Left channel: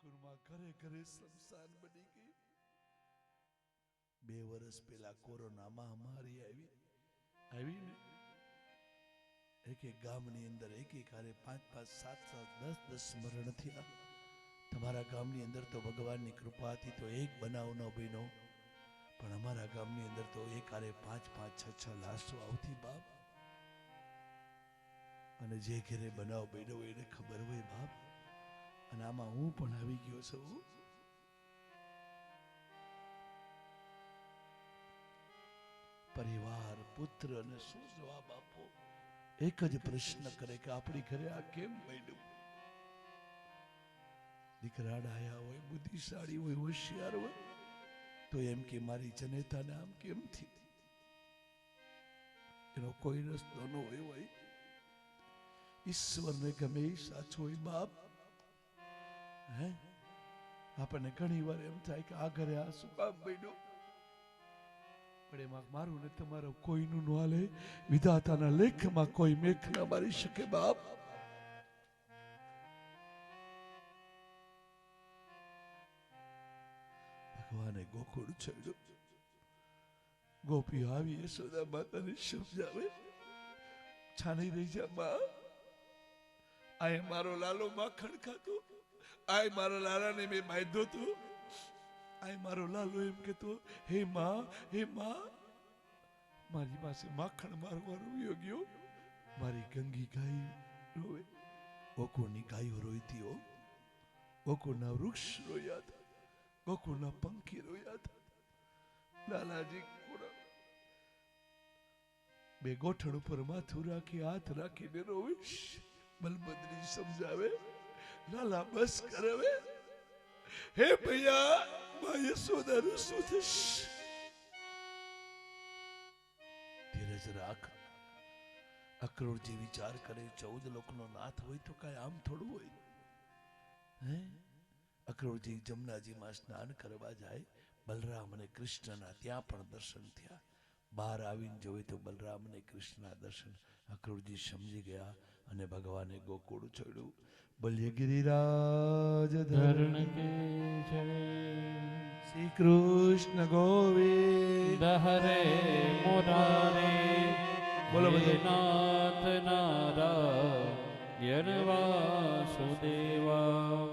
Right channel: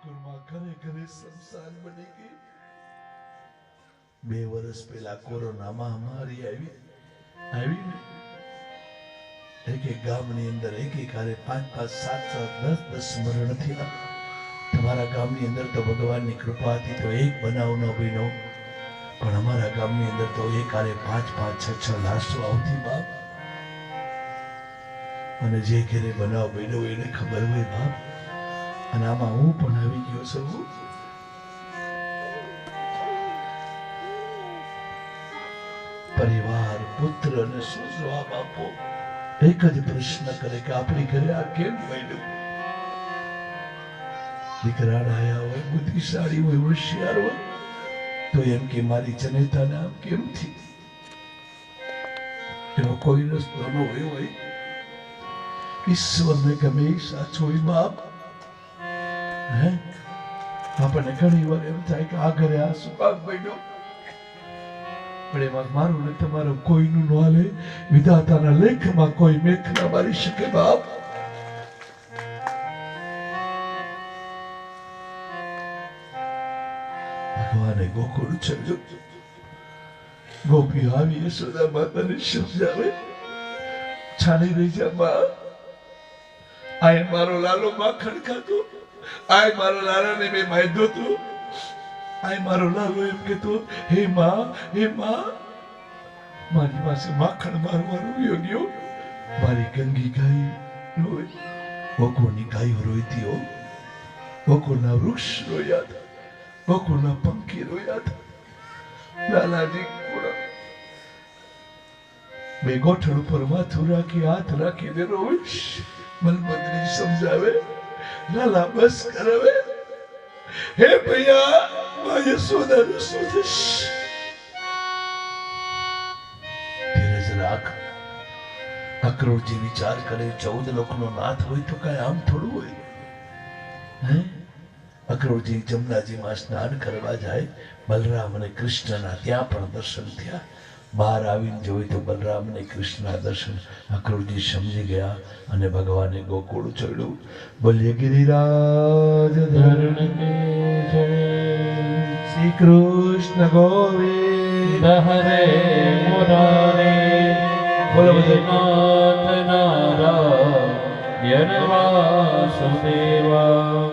ગોકુળમાં ઘરે ઘરે સંસાર બની ગઈ. 2 વર્ષ પહેલા કોરોના મહામારી આવી ને એક ગામની અંદર એક હારે 5 5 7 7 10 મરણ થયા. તમારા ગામની અંદર તો ભગવાનની કૃપા હતી તો એક બનાવ ન બન્યો, પણ અમારા ગામની અંદર તો એક હારે 5 5 6 6 લાશો આવતી બાપ. અને જે ઘરે બનાવ બન્યો એને ખબર હોય બાપ. અને આમાં હું પણ આવી ગયો છું. પરિવાર પુત્ર અને શું જવાબ આપો? એક જ પ્રશ્ન કરે કે આપણી ઘરે આ કેમ બન્યું? દીકરા ડાયા હોય, બુદ્ધિશાળી હોય, હોશિયાર હોય તો એમ કે મારી જનેતાને આમ કેમ થી? એનો કોઈ રસ્તો ન હોય. ઈશ્વરને ગમે સાચો હોય બાપ. આપણને ઘણી વાર એમ થાય કે આ ઘરે આ શું કામ બન્યો, પણ એમાં મારું ને તમારું કોઈનું ન હાલે. વિધાતાના લેખમાં કોઈ મેખ ના મારી શકે બાપ. ભગવાને ગોકુળ ચડ્યો. ગોપી આવી યશોદા માતાને સમજાવે, છાની રહી જા બા. આય મારો લાલો માખણ ખાતો, આય મારો લાલાને મેં માયદો તો, આય મારો લાલો એમ કેતો, હે માં મારી પાસે માખણ મારવાનું યોગ્ય. મારી ગંગી ગાય રોય, ગોકુળની ગાયો રોઈતી હો. ગોકુળના વૃક્ષ રોયા હતા, ગોકુળના પંખી રોયા હતા. લાલાજી બે ગોઠણ ઉપર માથું રાખી હાથ રાખીને રોઈશ. મલબદ્રી સમજાવે, લાલા બસ કરાવે. હે ભૈયા માં યશોદાનું શું થશે? ધીરજ રાખ. અક્રૂરજી વિચાર કરે 14 લોકનો નાથ હોય તો કઈ આમ થોડું હોય. અક્રૂરજી જમનાજીમાં સ્નાન કરવા જાય. બલરામ અને કૃષ્ણના ત્યાં પણ દર્શન થયા. બહાર આવીને જોઈ તો બલરામ અને કૃષ્ણના દર્શન. અક્રૂરજી સમજી ગયા અને ભગવાને ગોકુળ ચડ્યું. બોલીએ ગિરિરાજ ધરણ કે જય. શ્રી કૃષ્ણ ગોવિંદ હરે મુરારે. બોલો નાથ નારાયણ વાસુદેવા.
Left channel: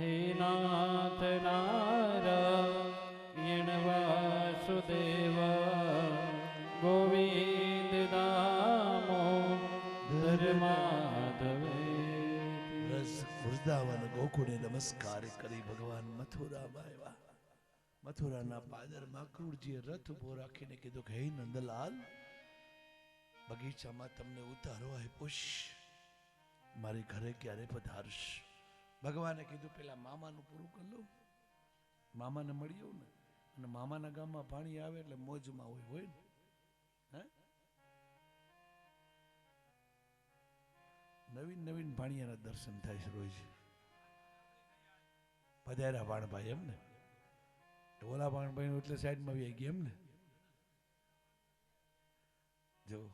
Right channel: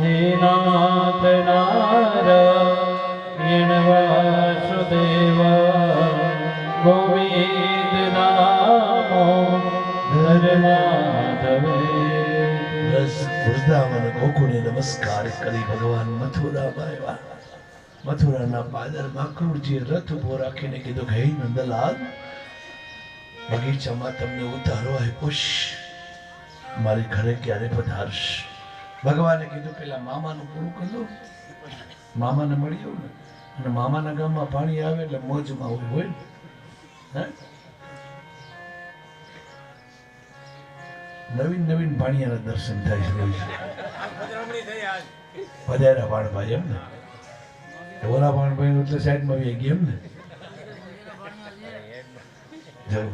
હે નાથ નારાયણ વાસુદેવા. ગોવિંદ નામો ધર્માધવે. રસ વૃંદાવન ગોકુળે નમસ્કાર કરી ભગવાન મથુરામાં આવ્યા. મથુરાના પાદરમાં અક્રૂરજીએ રથ ઉભો રાખીને કીધું, હે નંદલાલ, બગીચામાં તમને ઉતારો આપ્યો, મારી ઘરે ક્યારે પધારશ? ભગવાને કીધું પેલા મામાનું પૂરું કરી દો. મામાને મળી આવું ને, અને મામાના ગામમાં પાણી આવે એટલે મોજમાં હોય ને. નવીન નવીન પાણીયાના દર્શન થાય છે. પધાર્યા વાણભાઈ એમ ને, ઓલા વાણભાઈ એટલે સાઈડમાં આવી ગયા એમ ને. જવું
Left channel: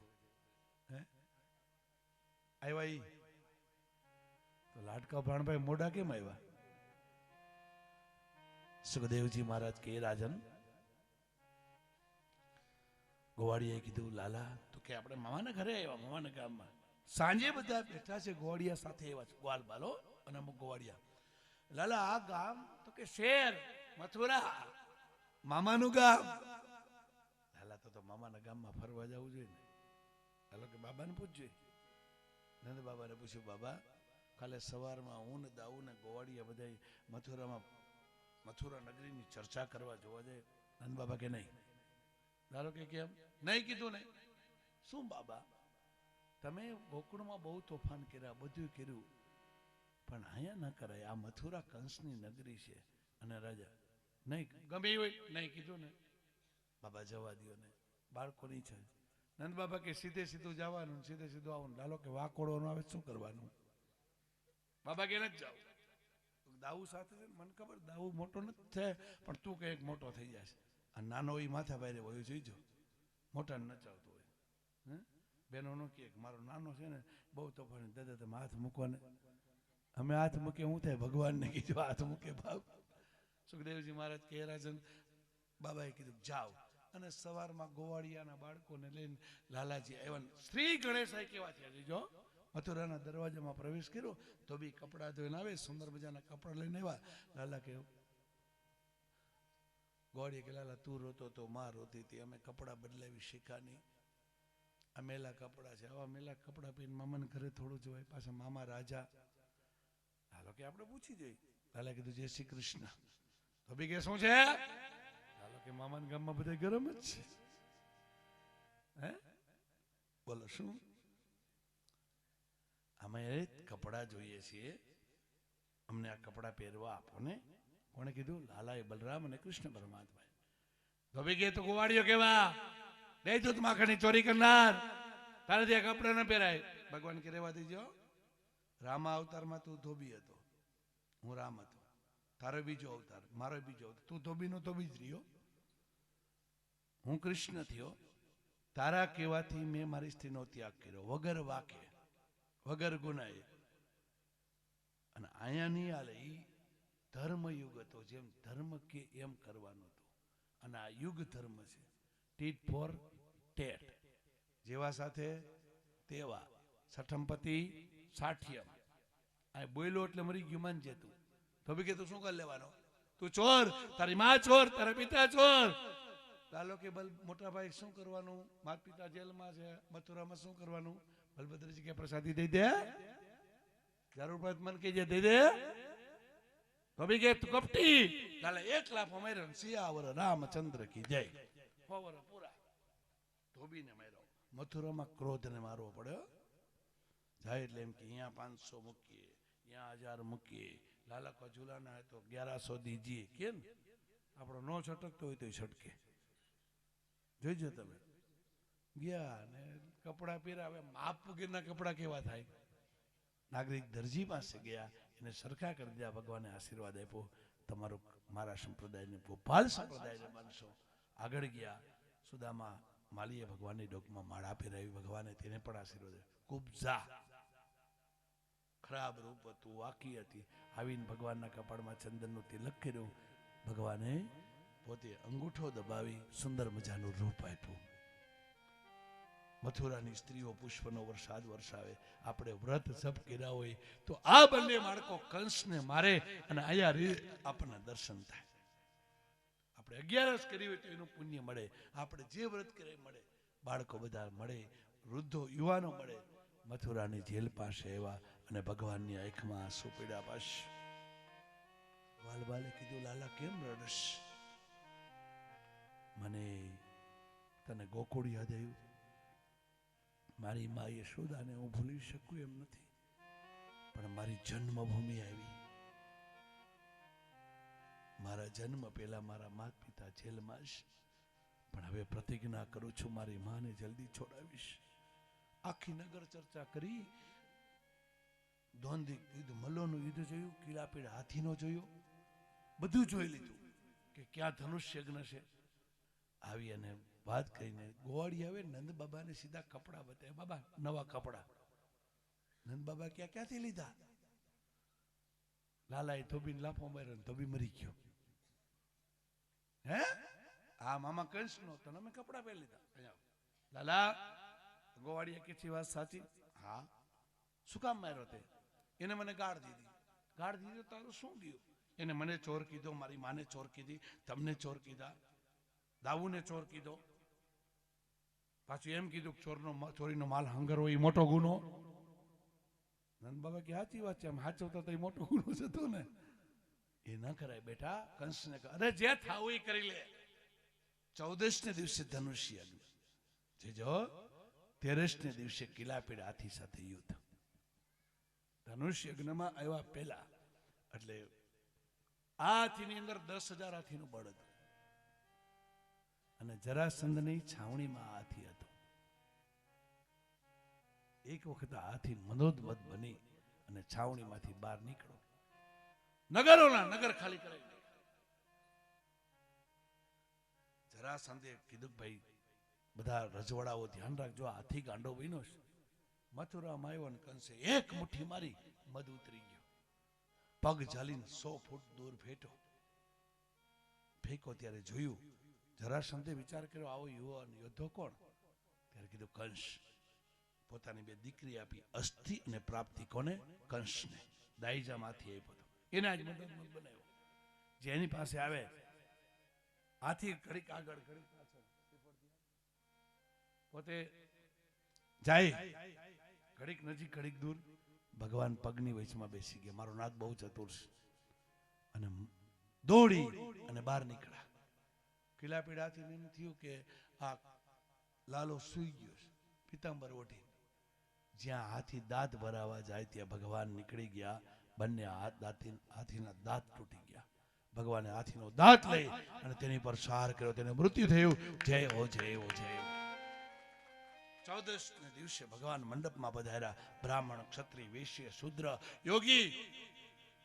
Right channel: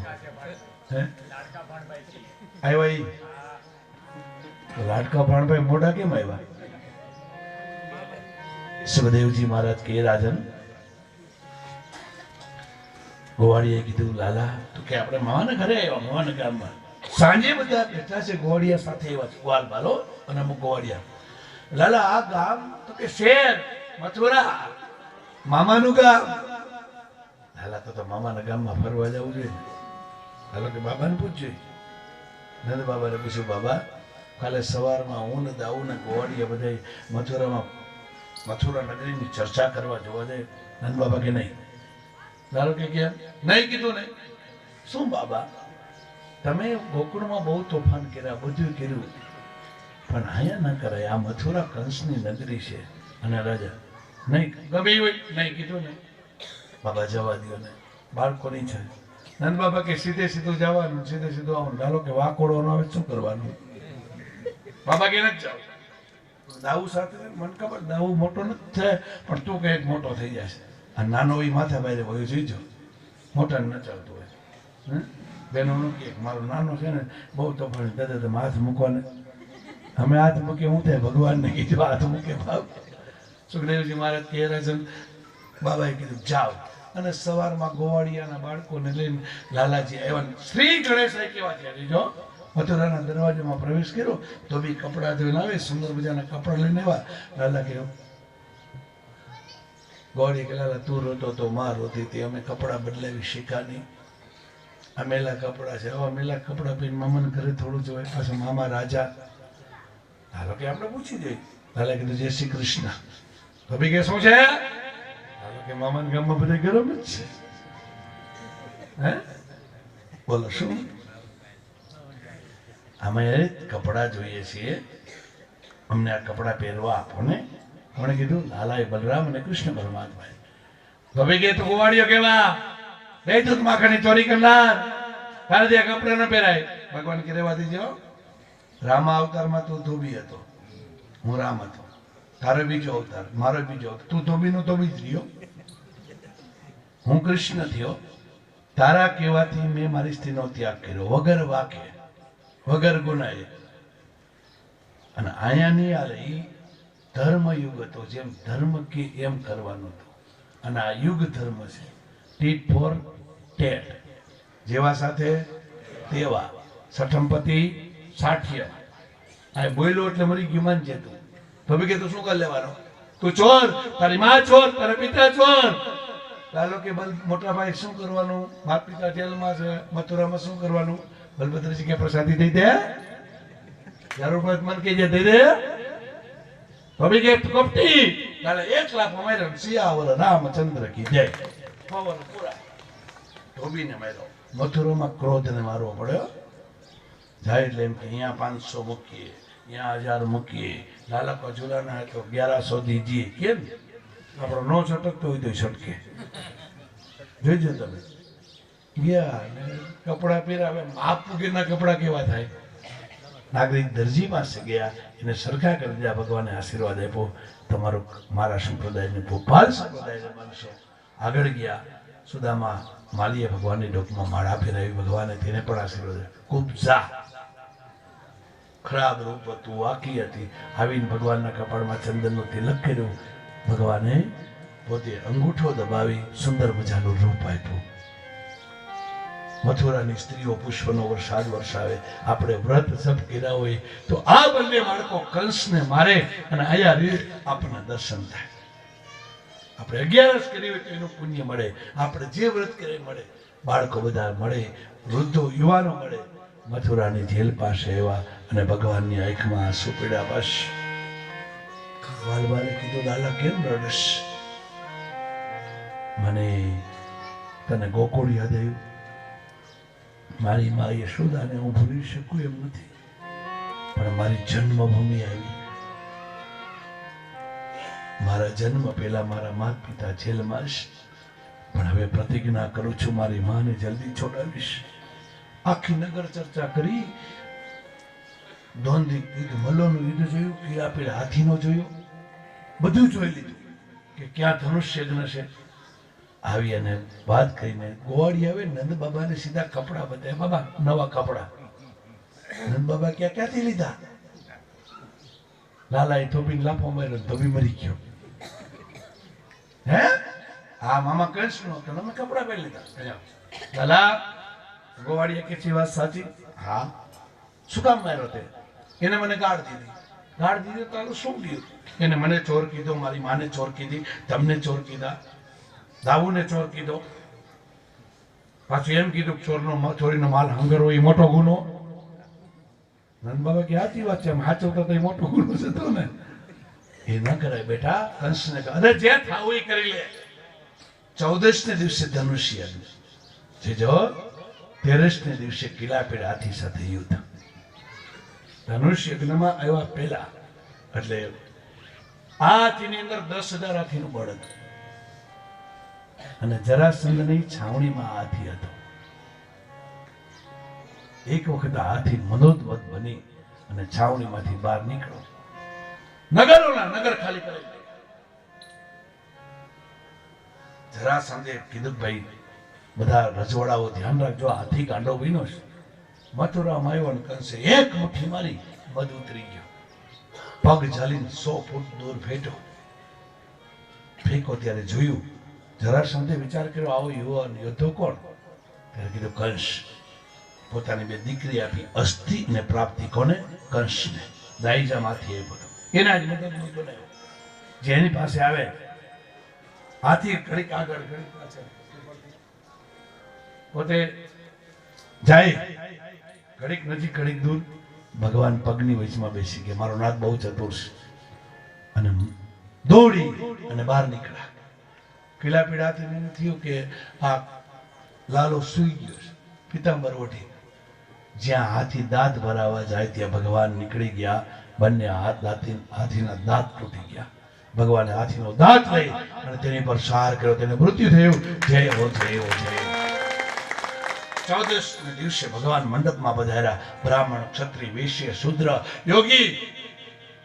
આવ્યા લાડકા ભાણભાઈ મોઢા કેમ આવ્યા? સુખદેવજી મહારાજ કે રાજન, ગોવાળીએ કીધું, લાલા તું કે આપણે મામાના ઘરે આવ્યા, મામાના ગામમાં. સાંજે બધા બેઠા છે ગોવાળિયા સાથે આવ્યા, ગોવાલ બાલો અને અમુક ગોવાળિયા. લાલા આ ગામ તો કે શહેર મથુરા, મામાનું ગામ. લાલા તો મામાના ગામમાં ફરવા જવું જોઈએ. હાલો કે બાબાને પૂછજો. નંદ બાબાને પૂછ્યું, બાબા કાલે સવારમાં હું ને દાઉ ને ગોવાળિયા બધા મથુરા નગરીની ચર્ચા કરવા જોવા જાય. નંદ બાબા કે નહીં. ધારો કે કેમ નહીં? કીધું ને. શું બાબા, તમે ગોકુળમાં બહુ તોફાન કર્યા, બધું કર્યું, પણ અહીંયા ના કરાય. આ મથુરા કંસની નગરી છે અને રાજા નહીં ગમે હોય નહીં. કીધું ને. બાબા જવા દો ને, બાળકોની છે. નંદ બાબા કે સીધે સીધું જવાનું, સીધે સીધું આવવાનું. ધારો કે વાકોડો ન આવે શું કરવાનું? બાબા કે નથી જાવ. દાઉ સાથે મને ખબર દાઉ મોટો નથી થાય, પણ તું કઈક મોટો થઈ જશે. આ નાનો એ માથા બારે હોય જોઈજો, મોટા ન ચાલતું હોય. બેનો નું કે મારો નાનો છે ને બહુ તોફાની, દાદા તમે હાથ મૂકવાને અમે હાથ મૂકે હું થાય ભગવાનને કીધું હાથ મૂકે બાપ. સુખદેવજી મહારાજ કહે છે બાબાએ કીધું જાઓ. અને સવારમાં ગોવાળિયાના બાળકોને લઈને લાલાજી આવ્યા. શ્રી ગણેશ કેવા છે જો મથુરાના દરવાજામાં પ્રવેશ કર્યો તો બી કપડા ધોઈને આવે, સુંદર મજાના કપડા લઈને આવ્યા. લાલા કહ્યું ગોળી કે લાલા તું રોતો તો માં રોતી હતી, અમે કપડા બદલાવી શીખા નહીં. આ મેલા કપડા છે, હવે મેલા કપડા પહેરીને મામાને ઘરે થોડું જોવાય. પાછું મામા રાજા. હાલો કે આપણે પૂછી જોઈએ. લાલા કીધું જય શ્રી કૃષ્ણ. તો બી કે શું છે? હાલો કે મામાના ગામમાં બધા ગરમ જ છે. હે બોલો શું? અમે કપડા જોઈએ છીએ, અમને આ કપડા પહેરવા આપો ને. કોણે કીધું? લાલાએ બલરામ અને કૃષ્ણ પરમાત્મા. ગભી કે તું ગોવાળીઓ કેવા ગઈ તું માખણની ચોરી કરનાર, કાલે દે કપડા ન પહેરાય. ભગવાન કે રેવા દીજો. રામા અવતારમાં તું ધોબી હતો, હું રામ હતો. તારો બીજો અવતાર, મારો બીજો અવતાર. તું ધોબી નો ધોબી જ રહ્યો, હું કૃષ્ણ થયો. તારા કહેવાથી મેં મારી સ્ત્રીનો ત્યાગ કર્યો વગર વાકે, વગર ગુનાએ. અને આયા નહીં હાલે. ઈ ધર્મ યુગ હતો, જેમ ધર્મ કે એમ કરવાનું હતું. અને આ યુગ ધર્મ છે, ટીટ ફોર ટેટ. જેવા સાથે તેવા, સઠમપતિ સાઠ્ય. આ બોલ્યો એટલે મરી ગયું માન છે તું. તો બી કે તું શું કરી લેવાનો? તું ચોર, તારી માં ચોર, તારા પિતા ચોર. લાલો કે બલ મોટા ભાઈ શું કરવાનું? બાપ પિતા જેલમાં છે, મથુરામાં શું કરવાનું? બલભદ્રજી કે પ્રસાદી દઈ દે, જરૂર પડે મન કે દે દે. હવે કે કપટી તારે 1 લાખ માર્યો. સિયાવર રામચંદ્ર કી જય. પવન પૂરા ધોબીને માર્યો. મથુરામાં ક્રોધને મારવો પડ્યો. જાય એટલે એમ કે અહીંયા 500 મૂકીએ, અહીંયા 1000 મૂકીએ. લાલા કજુલાના તો 1100 દીજીએ. કેમ? આપણો નો છટકતો હોય તો છટકે. જોઈજો તમે. ગયા ને કપડા પહેરાવે. માપ વગરના કપડા કેવા થાય? નાગરિક દરજી પાસે ગયા, એને સરખા કરી દીધા. ભગવાને આશીર્વાદ આપ્યો, તમારું મારા સંપ્રદાયને ભોપાલ સંપ્રદાયને માનશો. આગળ ગયા. સુદામા માલીએ ભગવાનની ડોકમાં માળા ફેરાવી. ભગવાને તેને પણ આશીર્વાદ આપ્યો. કુબજા ખરાબ રૂપ હતું, વાકી હતી. આવીને ભગવાનના કપાળમાં ચંદનનું તિલક કર્યું. ભગવાને પોતે અંગૂઠો દબાવી સુંદર મજાનું રૂપ આપ્યું. મથુરાની સ્ત્રીઓ પુષ્પનો વરસાદ વરસાવે. આપણે વ્રત જપ કર્યા હોય તો આ બંને બાળકો કંસને મારે અને આયા આપણને દર્શન થાય. આપણે 11 કરી હોય તો એનું પુણ્ય મળે. આપણે જે વ્રત કરે મળે. બાળકો બધા મળે, વૃદ્ધો યુવાનો મળે. મથુરાની જેલ પાસે આવ્યા અને ભગવાનની આંખમાં આંસુ પડ્યા. બસ વાલબાને કીધું લાલા કેમ રડશ? મને તને ગોકુળ યાદ આવ્યું. મારી મા યશોદાને હું ભૂલી શકું એમ નથી, પણ મારી જન્મભૂમિ આવી. મારા જન્મ પહેલા મારા માતા પિતા જેલમાં છે, પણ હવે પ્રતિજ્ઞા કરું છું મારી માને જલ્દી છોડાવીશ. આખી નગર ચર્ચા કરી. દ્વંદ્વ યુદ્ધ, મલ્લોનું યુદ્ધ જોયું, પીળા પીળા હાથીનો જોયો, બધું જોઈ લીધું કે ક્યાં ધનુષ્ય યજ્ઞ છે. આવી અને વાત કરીને ગોવાળી આવે. નંદ બાબાને સીધા કપડા બતાવ્યા. બાબા નવા કપડા. નંદ બાબા ક્યાંથી લીધા? લાલાએ ધોબીને લાફો માર્યો, ધોબી મરી ગયો. હે હા મામા કૃષ્ણ તો તમે કપડા પહેરી લીધા. લાલા ગોવાળીએ કે વાત સાચી? હા. શું કામ માર્યો તે? એને મને ગાળ દીધી. ગાળ દીધી તો શું થયું? એને મને ચોર કીધો, મારી માને ચોર કીધી, તમને ચોર કીધા, દાવુને ચોર કીધો. પાછું એમ કીધું ચોરનો ચોરીનો માલ હંગરવો એ મોટો ગુનો. નંદ બાબા કે સાચી વાત છે, એમ સાચવતા તો એ મોટો ગુનો છે ને. એ ન કરાય બેટા. કંસને અરે જે થાવું એ કરી લે. 14 ને દિવસે ધનુષ્ય છે, જો 13 ને દિવસે કિલાપીડ હાથી સાથે યુદ્ધ. ધનુષ્ય યજ્ઞમાં આવ્યા પહેલા એટલે આ હાથીની અંદર 10,000 હાથીનું બળ હતું. અને જરાસંધની છાવણીમાં હાથી હતો. એક વખત હાથી મનોદવત બની અને છાવણીમાંથી બહાર નીકળો. નગર ખાલી કરી. જરાસંધે કીધું ભાઈ બધા રજવાડાઓ ધ્યાન રાખજો, હાથી ગાંડો બન્યો છે. મથુરામાં આવ્યો અને કંસે એક મુઠ્ઠી મારી, મધ ઉતરી ગયો. પગ ઝાલીને 100 ફૂટ દૂર ફેંકો ત્યારે જોયું જરાસંઘે વિચાર કર્યો આવો યુવાન યોદ્ધો કોણ? ત્યારે કીધું કંસ. પોતાની 2 દીકરી આપી, અસ્થિ અને પ્રાપ્તિ. કોને? કંસને. દાઈજામાંથી એ બધું એના જ મદદ બનાવ્યો. જેની પાસે આવે હાથી ઘડીક આગળ ઘડીક પાછળ, પોતે જાય ઘડીક નજીક ઘડીક દૂર. ભગવાન પગની વચમાં બેસી ગયા. મારો નાથ બહુ ચતુર છે. અને દોડી અને બહાર નીકળ્યા. પીળા પીળાથી એને થયું કે આ લાલો સૂઈ ગયો છે. પિતાંબર ઓઢી જ્યાં હાથી દાંત ભરાવા જાય ત્યાં ભગવાન નીકળી ગયા. બંને હાથીના દાંત તૂટી ગયા. ભગવાને હાથીનો દાંત લઈ અને તેની પર સાર કર્યો. તેને મૃત્યુ થયું. જય હો જય હો જય. 14 દિવસે ભગવાન મંડપમાં પધાર્યા. બ્રાહ્મણ, ક્ષત્રિય, વૈશ્ય, શૂદ્ર, યોગી,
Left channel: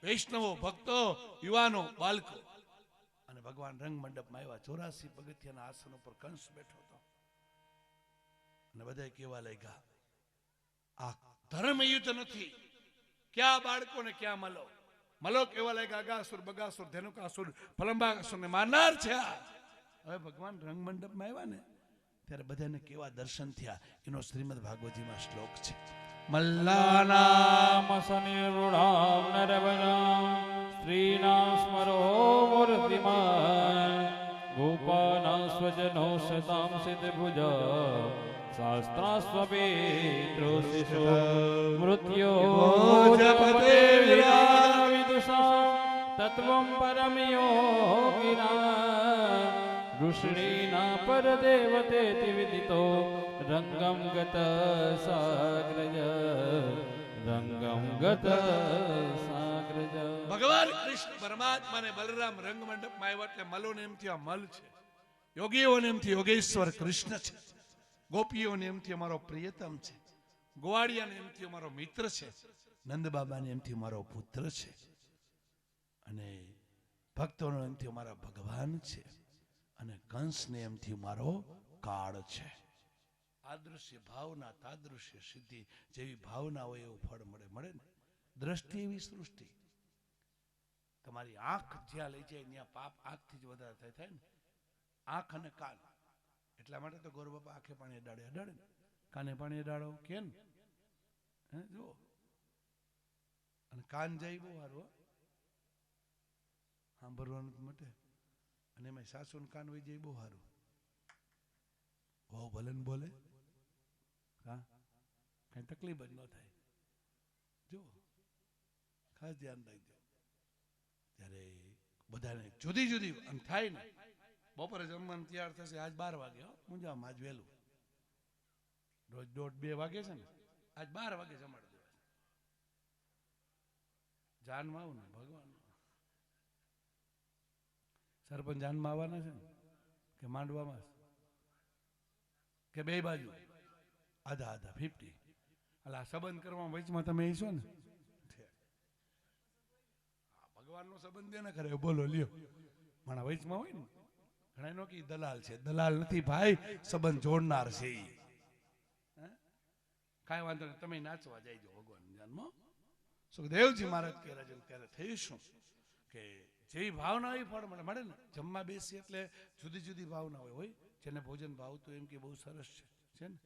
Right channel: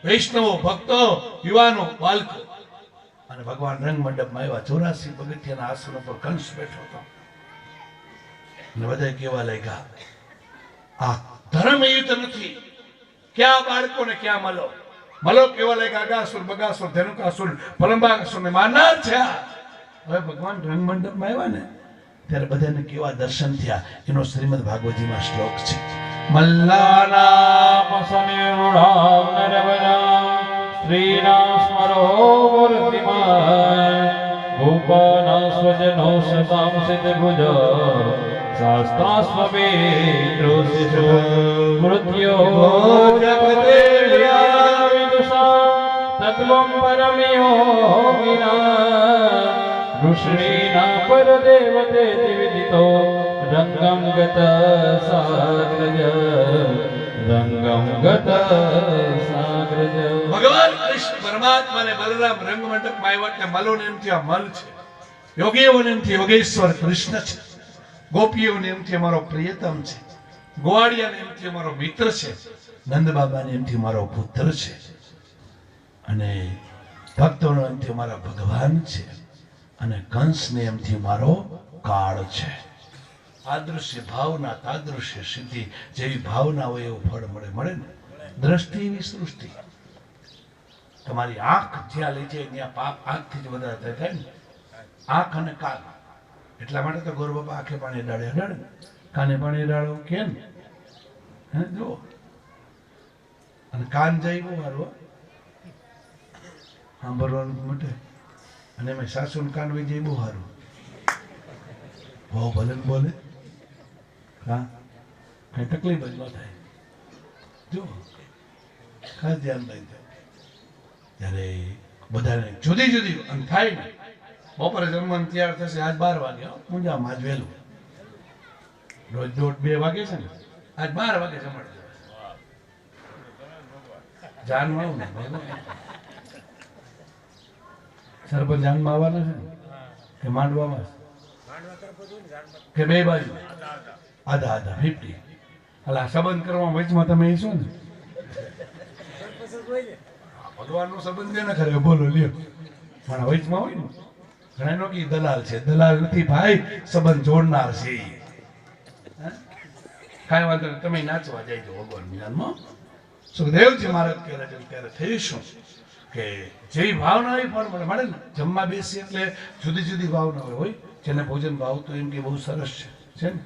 વૈષ્ણવો, ભક્તો, યુવાનો, બાળકો અને ભગવાન રંગ મંડપમાં આવ્યા. 84 પગથિયાના આસન પર કંસ બેઠો હતો. અને બધા કેવા લાગ્યા, આ ધર્મ યુદ્ધ નથી. ક્યાં બાળકો ને ક્યાં મલો. મલો કેવા લાગ્યા, અગાસુર, બગાસુર, ધેનુકાસુર, પલંબાસુર ને મારનાર છે. હવે ભગવાન રંગ મંડપમાં આવ્યા ને ત્યારે બધાને કેવા દર્શન થયા. એનો શ્રીમદ ભાગવતજીમાં શ્લોક છે. મલ્લાનામ સનિર્મુઢામ નરવરામ શ્રીના સ્મરો મૂર્તિમાન ગોપાના સ્વજનો શતામ સિદ્ધભુજ શાસ્ત્રાસ્મવેત્રોસિષુ મૃત્યો જગદેવ્યા વિદુષા તત્વં પરમયોગિના ઋષીના પરદેવતે વિદિતો રંગમ ગત સાગ્રજ રંગમ ગત સાગ્રજ. ભગવાન કૃષ્ણ પરમાત્માને બલરામ રંગ મંડપમાં આવ્યા એટલે મલોને એમથી આ મલ છે. યોગીઓને એમથી યોગેશ્વર કૃષ્ણ છે. ગોપીઓને એમથી અમારો પ્રિયતમ છે. ગોવાળિયાને એમથી અમારો મિત્ર છે. નંદ બાબાને એમથી મારો પુત્ર છે. અને ભક્તોને એમથી અમારા ભગવાન છે. અને કંસને એમથી મારો કાળ છે. આદૃશ્ય ભાવના તાદૃશ્ય સિદ્ધિ. જેવી ભાવના હોય એવું ફળ મળે ને. દ્રષ્ટિ એવી સૃષ્ટિ. તમારી આંખ જ્યાં લઈ જાય ત્યાં પાપ આંખથી જ વધારે થાય ને. આંખ અને કાન એટલા માટે તો ગોર બાપા આંખે પાણી ડાળે અડાડે ને, કાને પાણી ડાળો કેમ હે જો. અને કાન જાય બહુ સારું સાંભળવાનું માટે. અને એમાં સાસુ ને કાન વહી જાય બહુ સારું. બહુ ભલે ને બોલે હા કઈ તકલીફ જ ન થાય. જો ખાસ ધ્યાન રાખજો. ત્યારે બધાને જુદી જુદી અને થાય ને. બપોરે જમવાનું તૈયાર થશે. આજ 12 વાગે પૂંજામાં આજ વહેલું. રોજ 2 વાગે છે ને, આજ 12 વાગે જમણ જાનમાં આવું ને સરપંચ જાનમાં આવવાના છે કે માંડવામાં કે બે બાજુ આધા આધા 50. એટલે આ સંબંધ કરવા વચમાં તમે એ છો ને ભગવાનનો સંબંધ છે ને ખરે બોલો લ્યો. પણ વચમાં હોય ને ઘણા નો કે દલાલ છે. દલાલ નથી ભાઈ, સંબંધ જોડનાર છે. કાંઈ વાંધો નહીં, તમે નાચવા જાય ભગવાન જ્ઞાનમાં. સુખદેવજી મહારાજ ત્યારે થયું શું કે જેવી ભાવના હોય ફળ મળે ને. જમવા બેસી એટલે જુદી જુદી ભાવના હોય. જેને ભોજન ભાવતું એમ કે બહુ સરસ છે ને.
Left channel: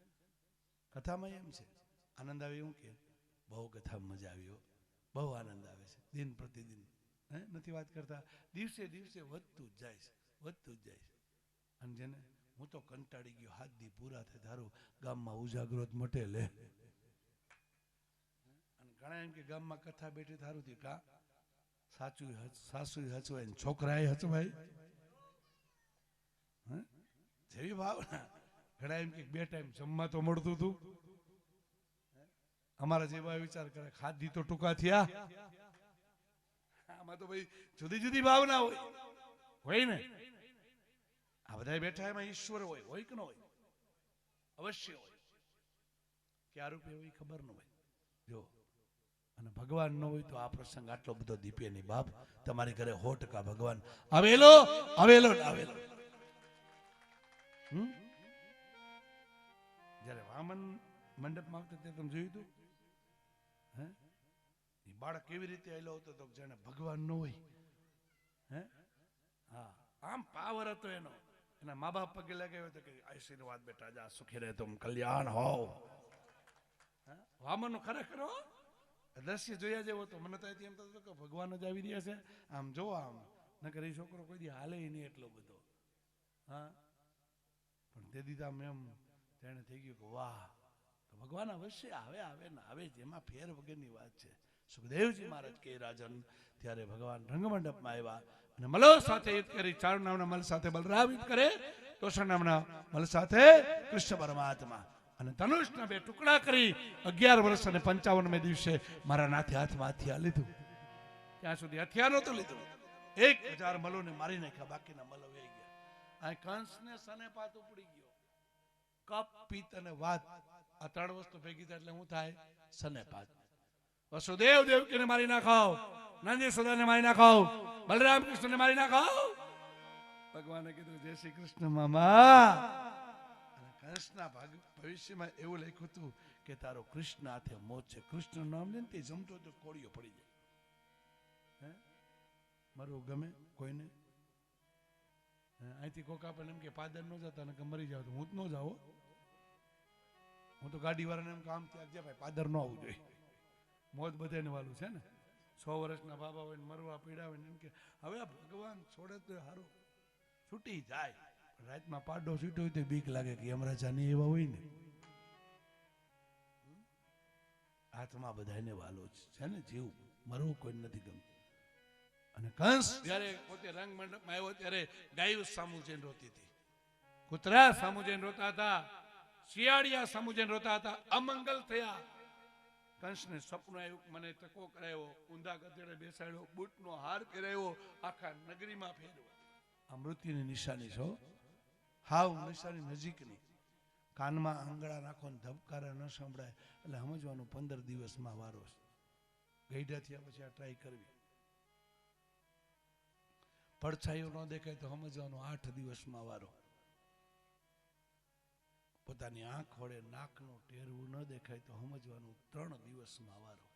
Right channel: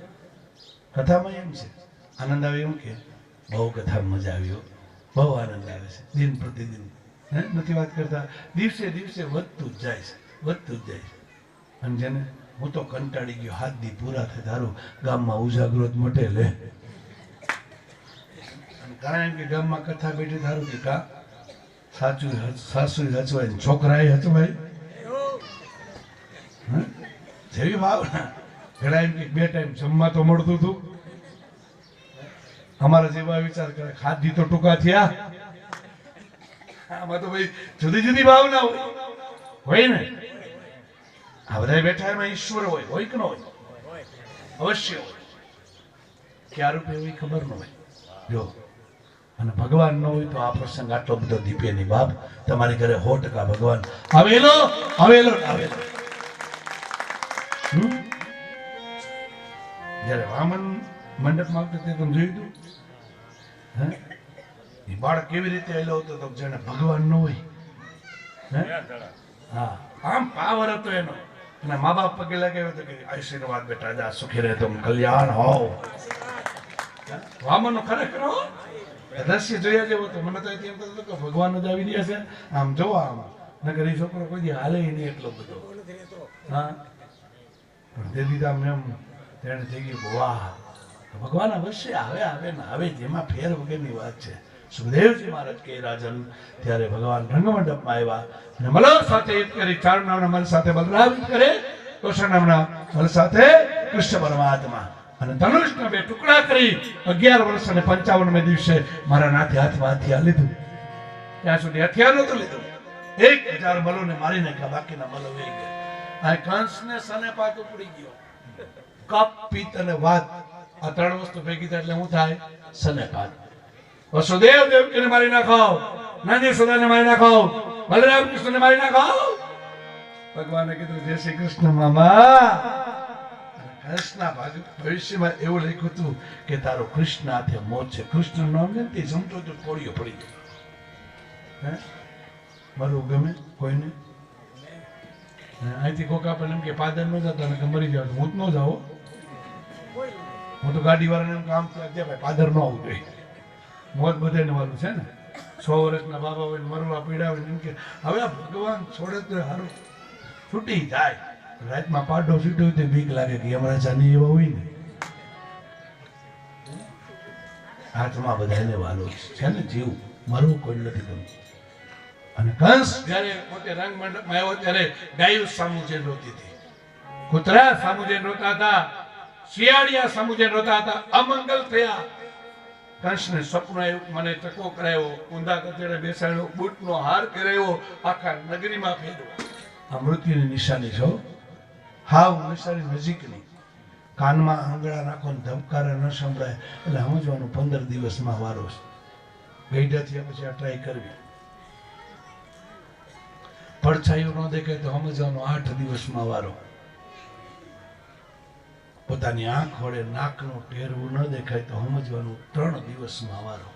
કથામાં એમ છે આનંદ આવે એમ કે બહુ કથામાં મજા આવ્યો, બહુ આનંદ આવે છે. દિન પ્રતિદિન નથી વાત કરતા, દિવસે દિવસે વધતું જ જાય છે, વધતું જ જાય છે. અને જેને હું તો કંટાળી ગયો, 7 દી પૂરા થાય તારું ગામમાં ઉજાગરો મટે લે. કારણ કે ગામમાં કથા બેઠી થારું કે કા સાચું સાસુ હચવાય છોકરા હચવાય. જેવી ભાવના ઘણા એમ કે 2 ટાઈમ જમવા તો મળતું હતું. અમારા જેવા વિચાર કરે ખાધી તો ટૂંકા થયા. આમાં તો ભાઈ જુદી જુદી ભાવના હોય ને. આ બધા બેઠા એમાં ઈશ્વર હોય કે ન હોય? અવશ્ય હોય. ક્યાં રૂપે એવી ખબર ન હોય. જો અને ભગવાન ન હોય તો આ પ્રસંગ આટલો બધો દીપે નહીં બાપ. તમારી ઘરે 100% ભગવાન આવેલો આવેલો આવેલો. જયારે વામન મંડપમાં આવતો તે તમે જોયું હતું? એ બાળક કેવી રીતે એલો હતો તો જેને ભગવાન ન હોય હે? હા આમ પાવર હતો એનો અને મા બાપ પગે લગાવ્યો તો કે આશીર્વાદ બેટા જા સુખી રહે તું કલ્યાણ હોવ વામનનો ખરેખર હો દ્રશ્ય જોયા જેવો તો મને તો એમ થતું કે ભગવાન જ આવી રહ્યા છે આમ જોવા આમ નકર એ છોકરો કોઈ દી હાલે નહીં એટલો બધો હા પણ તે દીધા એમ તેને થઈ ગયું વાહ ભગવાન અવશ્ય આવે ને આવે જેમાં ફેર વગરની વાત છે સુખદેવજી મહારાજ કે રાજન ત્યારે ભગવાન રંગમંડપમાં આવ્યા અને મલર સાથે એક કરી ચાર નામના મલ સાથે બલરામ કરે કૃષ્ણ નામના મલ સાથે કૃષ્ણ પરમાત્મા અને ધનુષના બે ટુકડા કરી 11 વર્ષ અને 55મે દિવસે મારા નાથે હાથમાં હથિયાર લીધું ત્યાં સુધી હથિયાર નહોતું લીધું 1000 મલોને મારી નાખ્યા બાકીના મલો વહી ગયા આ કંસને સને પાક ઉપડી ગયો કપ પિત્ત અને વાત આ ત્રણ વસ્તુ ભેગી થાય એટલે શું થાય સનેપાત વસુદેવ દેવકીને મારી નાખો નંદી સુદાને મારી નાખો બલરામ કૃષ્ણને મારી નાખો ભગવાને કીધું જય શ્રી કૃષ્ણ મામા કૃષ્ણ ભવિષ્યમાં એવું લખ્યું હતું કે તારો કૃષ્ણ હાથે મોત છે કૃષ્ણ નામ ને તે જમતો તો કોળીઓ પડી ગયો હે મારું ગમે કોઈને અહીંથી કોકા પણ એમ કે પાદર ન જતા ને મરી જાવ હું જ ન જાઉં હું તો ગાડી વાળાને કામ છે ભાઈ પાદર ન આવવું જોઈએ મોત બધાને વાળું છે ને 100 વર્ષના બાબા હોય મરવા પીડા હોય એમ કે હવે આ ભગવાન છોડે તો સારું છૂટી જાય રાતમાં પાડો છૂટ્યો તો બીક લાગે કે અમારા ચાની એવા હોય ને હાથમાં બધાને વાલો છે ને જીવ મરવું કોઈ નથી ગમતું અને કંસ જ્યારે પોતે રંગ મંડપમાં આવ્યો ત્યારે ગાયું સામુજે રોતી હતી કૂતરા સામુજે રોતા હતા શિયાળિયા સામુજે રોતા હતા અમંગલ થયા કંસને સ્વપ્ન આવ્યું મને ટકો કરાયો ઊંધા કચેડે બેસાડ્યો બૂટનો હાર કરાયો આખા નગરીમાં ફેરવ્યો આ મૃત્યુની નિશાની છો હાવ નિશાની નજીકની કાનમાં આંગળા નાખો ને ધબકારા ન સંભળાય એટલે સમજવાનું 15 દિવસમાં વારો છે ગઈઢા થયા પછી આ ટ્રાય કરવી પડછાયું ન દેખાય તો સમજવાનું 8 દિવસમાં વારો પોતાની આંખ વડે નાકનું ટેરવું ન દેખાય તો સમજવાનું 3 દિવસમાં વારો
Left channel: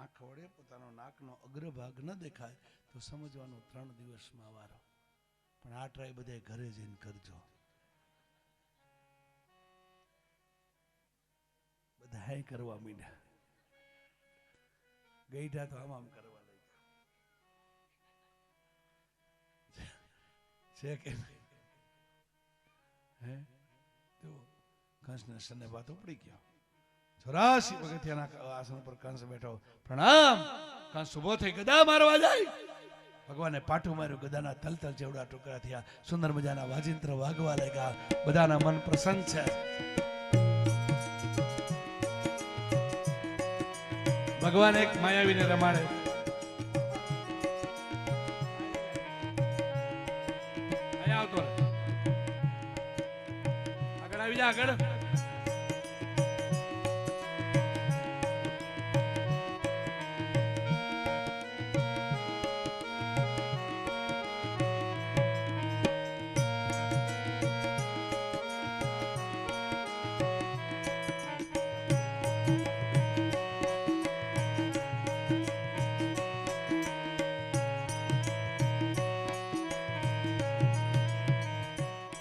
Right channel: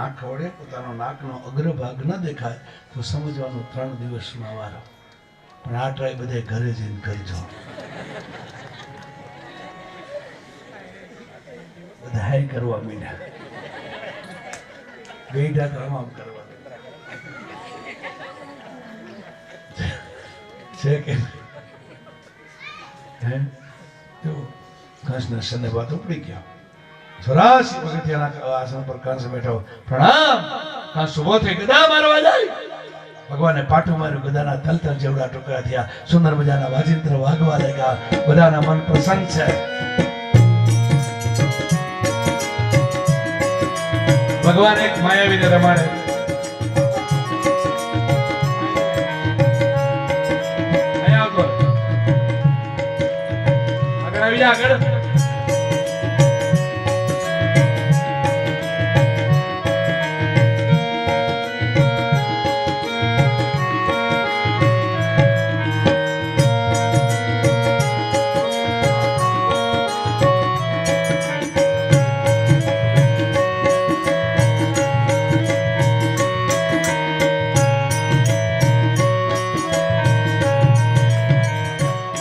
આંખ વડે પોતાનો નાકનો અગ્રભાગ ન દેખાય તો સમજવાનું 3 દિવસમાં વારો પણ આ ટ્રાય બધા ઘરે જઈને કરજો બધા કરવા મીના ગઈઢા તમામ કરવા છે કે હે તો કંસને સને વાત ઉપડી ગયા 84 પગથિયાના આસન પર કંસ બેઠો પ્રણામ કંસ ઉભો થઈ ગદા મારવા જાય ભગવાને પાટું માર્યું ગદાના તલતલ જેવડા ટુકડા થયા સુંદર મજાના વાજિંત્ર વાગવા લાગ્યા બધાના મન પ્રસન્ન છે ભગવાન એક માયાવીને રમાડે આગળ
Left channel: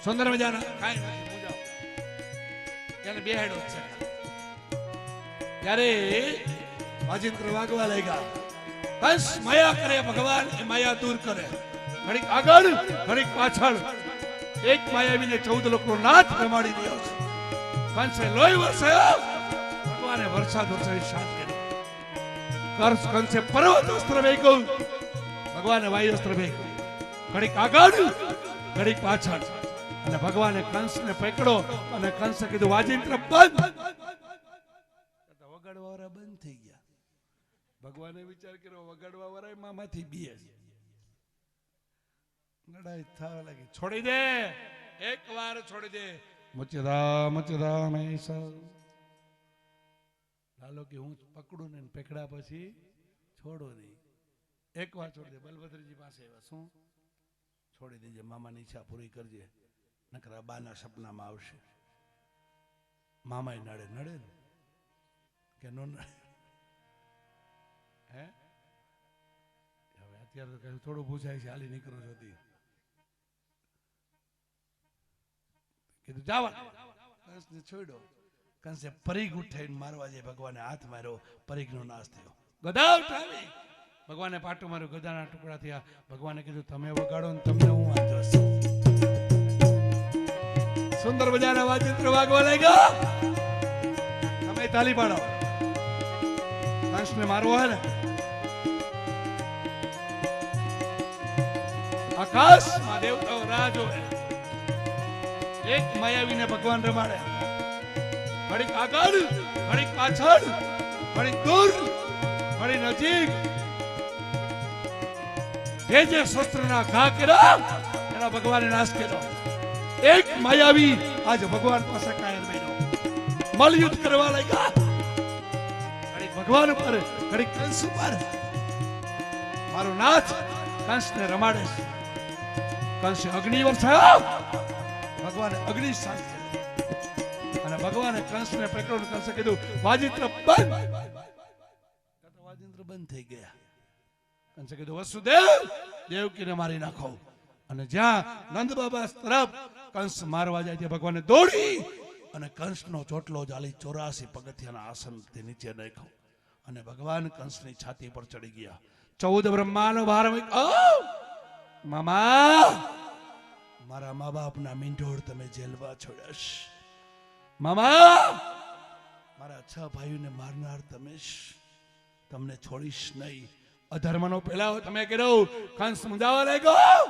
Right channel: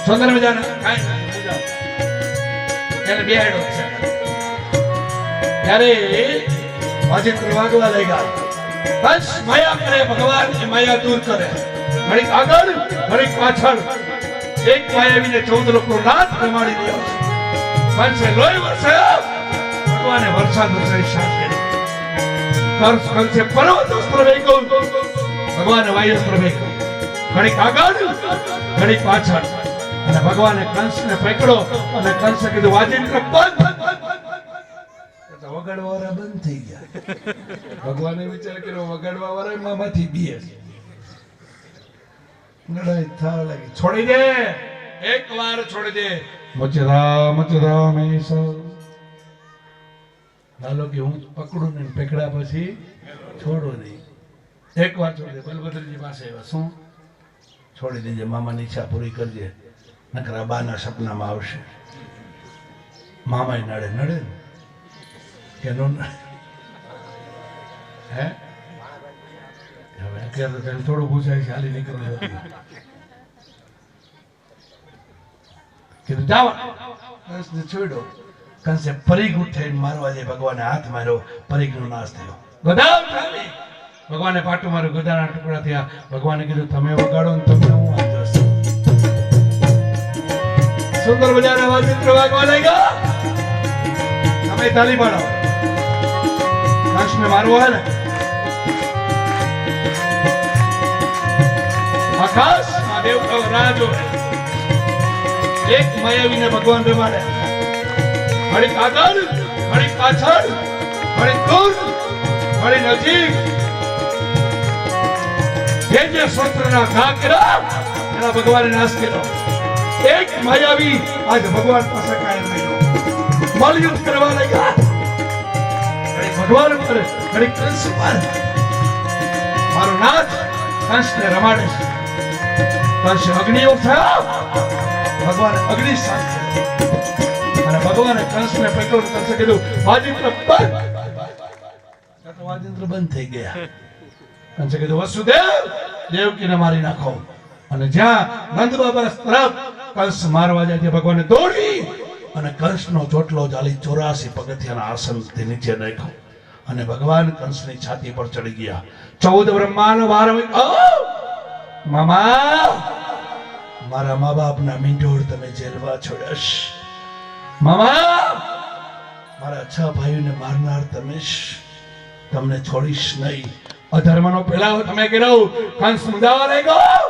સુંદર મજાના ત્યારે વાજિંત્ર વાગવા લાગ્યા બસ માયા કરે ભગવાન એ માયા દૂર કરે ઘડીક આગળ ઘડીક પાછળ એક માયાવીને 14 લોકો નાથ જમાડી દીધો કંસે લોહી વરસાયો ભગવાને વરસાદ વરસાવી શાંતિ કંસે પર્વત પ્રવેગ્યો ભગવાને વાયુ પ્રવેગ્યો ઘડીક આગળ ઘડીક પાછળ અને ભગવાને કંસને પકડો અને કંસે કીધું વાજિંત્ર બંધ વગાડવા વાળા બંધ થઈ ગયા ભગવાને વિચાર કર્યો વગાડવા વાળા મામાંથી બીએ લડાઈ થવા લાગી છોડી દે એકવાર છોડી દે મચરા મેસા હાલો કે હું પકડું ને પકડા પછી છોડો નહીં એકવાર છોડી દે બલભદ્રજી પાસે આવ્યા શું છોડી દેજે મામાની ઈચ્છા પૂરી કરજે નકર બાના સપનામાં આવશે મામાય નડે ને કે નો હે હવે અત્યારે તો થોડું પૂછાય છે હાલી નીકળું છું કીધું જાવ કંસને છોડ્યો કંસે પરીગ ઉઠીને મારવા જે ભગવાને હાથ માર્યો પરીગનો નાશ થયો ગદા ખાલી ભગવાને પાટું માર્યું ગદાના ટુકડા થયા ભગવાને કીધું તમે વગાડો ને તમને હું વાંધો છે સુંદર મજાના વાજિંત્ર વાગવા લાગ્યા તમે તાલી પાડો કંસને મારવો હે ને આકાશ મહાદેવ કા રાજો એક માયાવીને ભગવાન રમાડે ઘડી આગળ ઘડી પાછળ ઘડી દૂર ઘડી નજીક જે સ્વસ્ત્રના ઘા કર્યા એના ભગવાને નાશ કર્યો એક માયાવી આજ ભગવાન પાસે કાયમ રહ્યો બલયુદ્ધ કરવા લાગ્યા ઘડી ભગવાન પર ઘડી કંસ પર મારો નાથ કંસને રમાડે છે કંસ અગ્નિયુગ થયો ભગવાન અગ્નિ શાંત અને ભગવાને કંસને પકડ્યો કંસે કીધું વાજિંત્ર બંધ વાજિંત્ર બંધ થઈ ગયા કંસે કીધું વસુદેવ દેવકીને મારી નાખો અને જ્યાં નંદ બાબા તરફ કંસ મારવા જાય ત્યાં ભગવાને દોડી અને કંસનો ચોટલો ચાલી 84 પગથિયાના આસનથી નીચે નાખ્યો અને ભગવાન કંસની છાતી પર ચડી ગયા 14 બ્રહ્માનો વાર મામા મારા મા બાપના મીંઢોળ તમે જેલવા છોડ્યાશ મામા મારા 6 ભાઈઓને મારનાર તમે તમને છોડીશ નહીં અધર્મનો પેલાવો તમે કર્યો કંસ મુદાવા લાગ્યો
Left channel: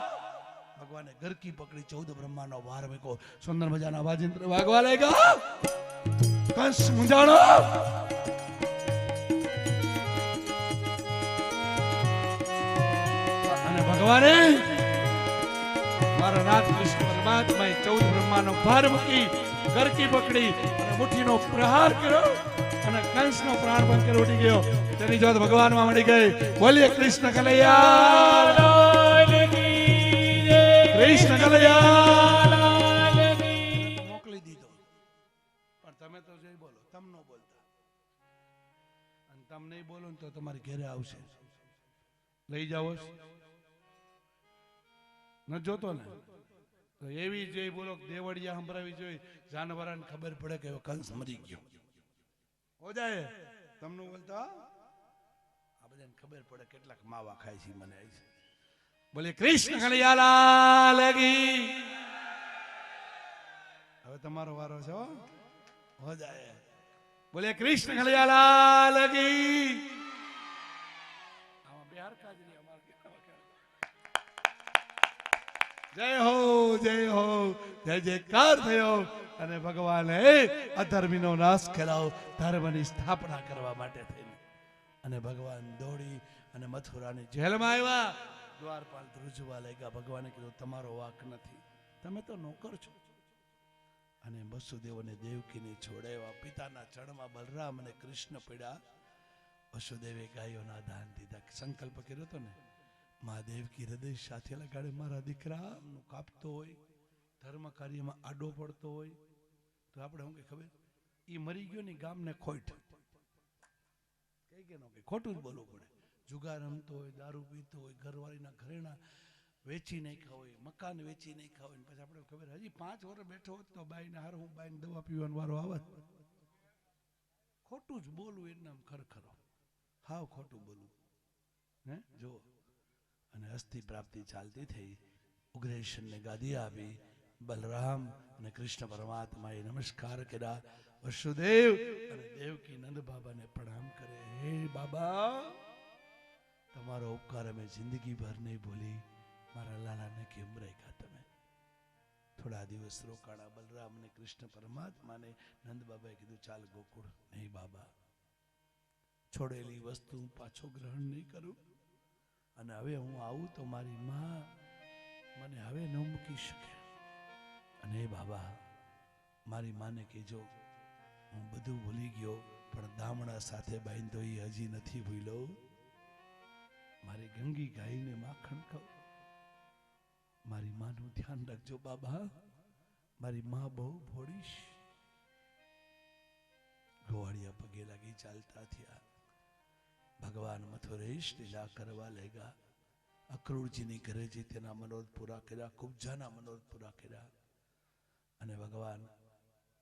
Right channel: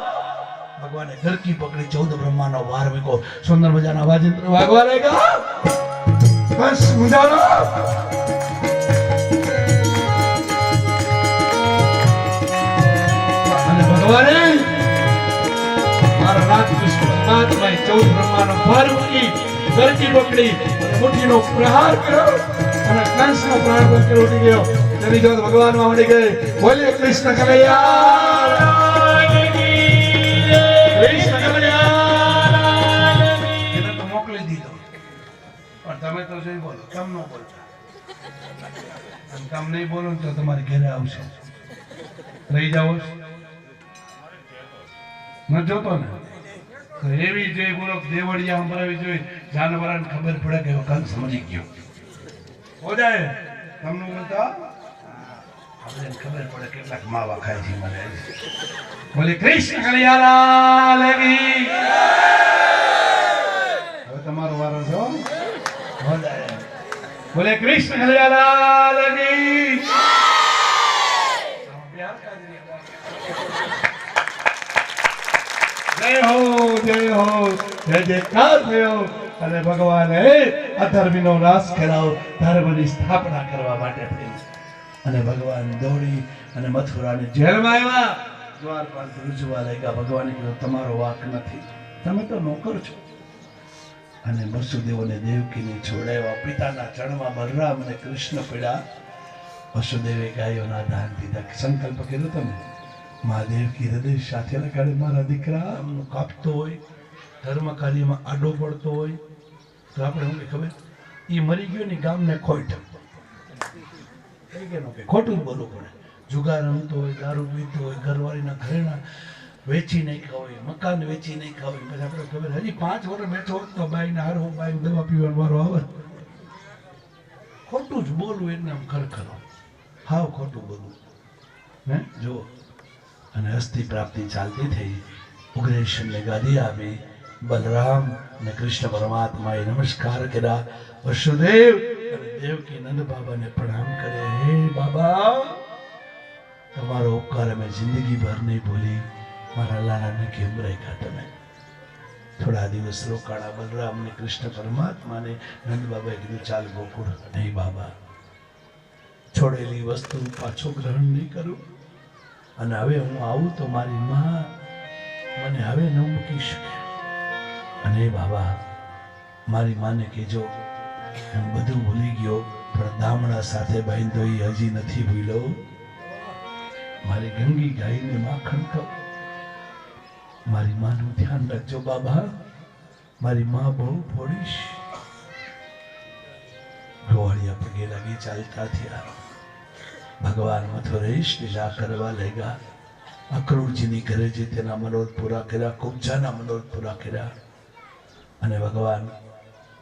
ભગવાને ગરકી પકડી 14 બ્રહ્માનો વાર વેકો સુંદર મજાના વાજિંત્ર વાગવા લાગ્યા કંસ મુદાવો અને ભગવાને મારા નાથ વિષ્ણુ પરમાત્માએ 14 બ્રહ્માનો વાર મૂકી ગરકી પકડી મુઠ્ઠીનો પ્રહાર કર્યો અને કંસનો પ્રાણ પંક્તિ ઉડી ગયો તેની જોત ભગવાન માં ઉડી ગઈ બોલે કૃષ્ણ કનૈયા કૃષ્ણ કનૈયા એને તો મોકલી દીધો પણ તમે તો જઈ બોલો કેમ ન બોલતા અને કામ નહીં બોલો તો તમારી ઘરે આવશે રહી જાઓ ન જોતો ને તો એવી જોઈ બોલો દેવળિયા સંભળાવી જોઈ જાનવરાને ખબર પડે કે કંસ મરી ગયો હો જાય તમને બોલતા આપણે ખબર પડે કેટલાક માવા ખાય છે મને બોલે કૃષ્ણ કનૈયાલાલ કી હવે તમારો વારો છે હો જાય બોલે કૃષ્ણ કનૈયાલાલ કી જય હો જય જયકાર થયો અને ભગવાને અધર્મીનો નાશ કરાવ ધર્મની સ્થાપના કરવા માટે થઈ અને ભગવાન દોડી અને મથુરાની જેલમાં આવ્યા દ્વારપાલ રૂજવા લાગ્યા ભગવાને કીધું તમારો વાક નથી તમે તો નોકર છો અને વસુદેવને દેવકીને છોડાવ્યા પિતાના ચરણમાં બલરામ અને કૃષ્ણ પડ્યા વસુદેવે ગાયોના દાન દીધા સંકલ્પ કર્યો તમે મહાદેવ કી હૃદય સાથે લગાડે મારા દીકરા આમનું કાપતો હોય ધર્મ કાર્યમાં આડો પડતો હોય તો આપણે શું ખબર એ મરી ગયો ને ગામને ખોટ ખોટું બોલવું પડે જુગાર રમતો હોય દારૂ પીતો હોય ઘરવાળીના ઘરેણા વેચી નહીં ખાવ મકાન વેચી નહીં ખાવ પછી આપણે ખબર હજી 5 વર્ષ બેઠો હોત તો બાઈને હારો બાઈ દવા પીવાનો વારો આવે ખોટું જ બોલવું એટલે આમ ખરખરો હાવ ખોટું બોલવું હે જો અને અસ્થિ પ્રાપ્તિ ચાલતી થઈ ઉગ્રેશનને ગાદી આપી બલરામ અને કૃષ્ણ પરમાત્માએ નમસ્કાર કર્યા વસુદેવ અને દેવકી નંદ બાબાને પ્રણામ કરે હે બાબા તમારો ઉપકાર અમે જિંદગી ભર નહીં ભૂલી મારા લાલાને કેમ રાખ્યા તમે થોડા દિવસ રોકાણા બલરામ ને કૃષ્ણ પરમાત્માને નંદ બાબાએ કીધું ચાલ ગોકુળ નહીં બાબા છોડેલી વસ્તુ પાછો ગ્રહણ નહીં કરું અને હવે હું આવું તો મારી માં મને હવે ન મૂકી શકે અને બાબા મારી માને કહેજો હું બધું ભૂલી ગયો પણ દામડા સાથે બાંધ્યો એ હજી નથી ભૂલ્યો મારી ગંગી ગાયને માખણ ખાવ મારી માનું ધ્યાન રાખજો બાબા મારી માં બહુ ફોડીશ ગોવાળિયા પગે લાગી ચાલતા થયા ભગવાન મથુરેશ લીલા કરવા લેગા. અક્રૂરજીની ઘરે જે તેના મનોરથ પૂરા કર્યા, કુબ્જાના મનોરથ પૂરા કર્યા, અને ભગવાન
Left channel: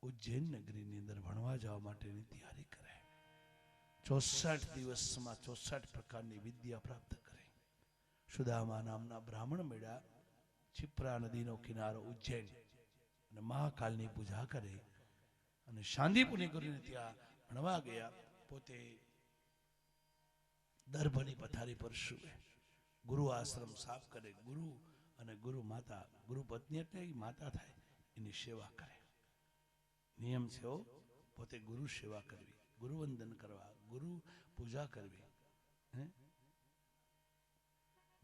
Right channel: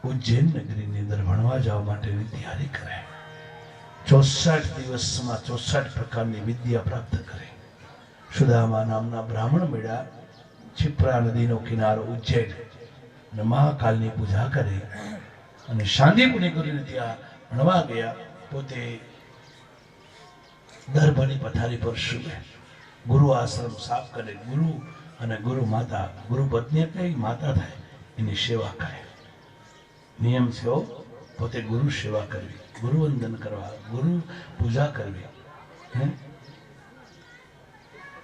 ઉજ્જૈન નગરીની અંદર ભણવા જવા માટેની તૈયારી કરે. 64 દિવસમાં 64 પ્રકારની વિદ્યા પ્રાપ્ત કરે. સુદામા નામના બ્રાહ્મણ મળ્યા, क्षिप्रा नदीનો કિનારો ઉજ્જૈન, અને મહાકાલની પૂજા કરી અને શાંતિપુરી કરીને ત્યાં ભણવા ગયા. પોતે દર્ભની પથારી પર સૂવે, ગુરુ આશ્રમ સાફ કરે. ગુરુ અને ગુરુ માતા, ગુરુ પત્ની કઈ માતા થાય એની સેવા કરે. નિયમ છે પોતે ગુરુ સેવા કરવી, ગુરુ વંદન કરવા, ગુરુ પૂજા કરવી.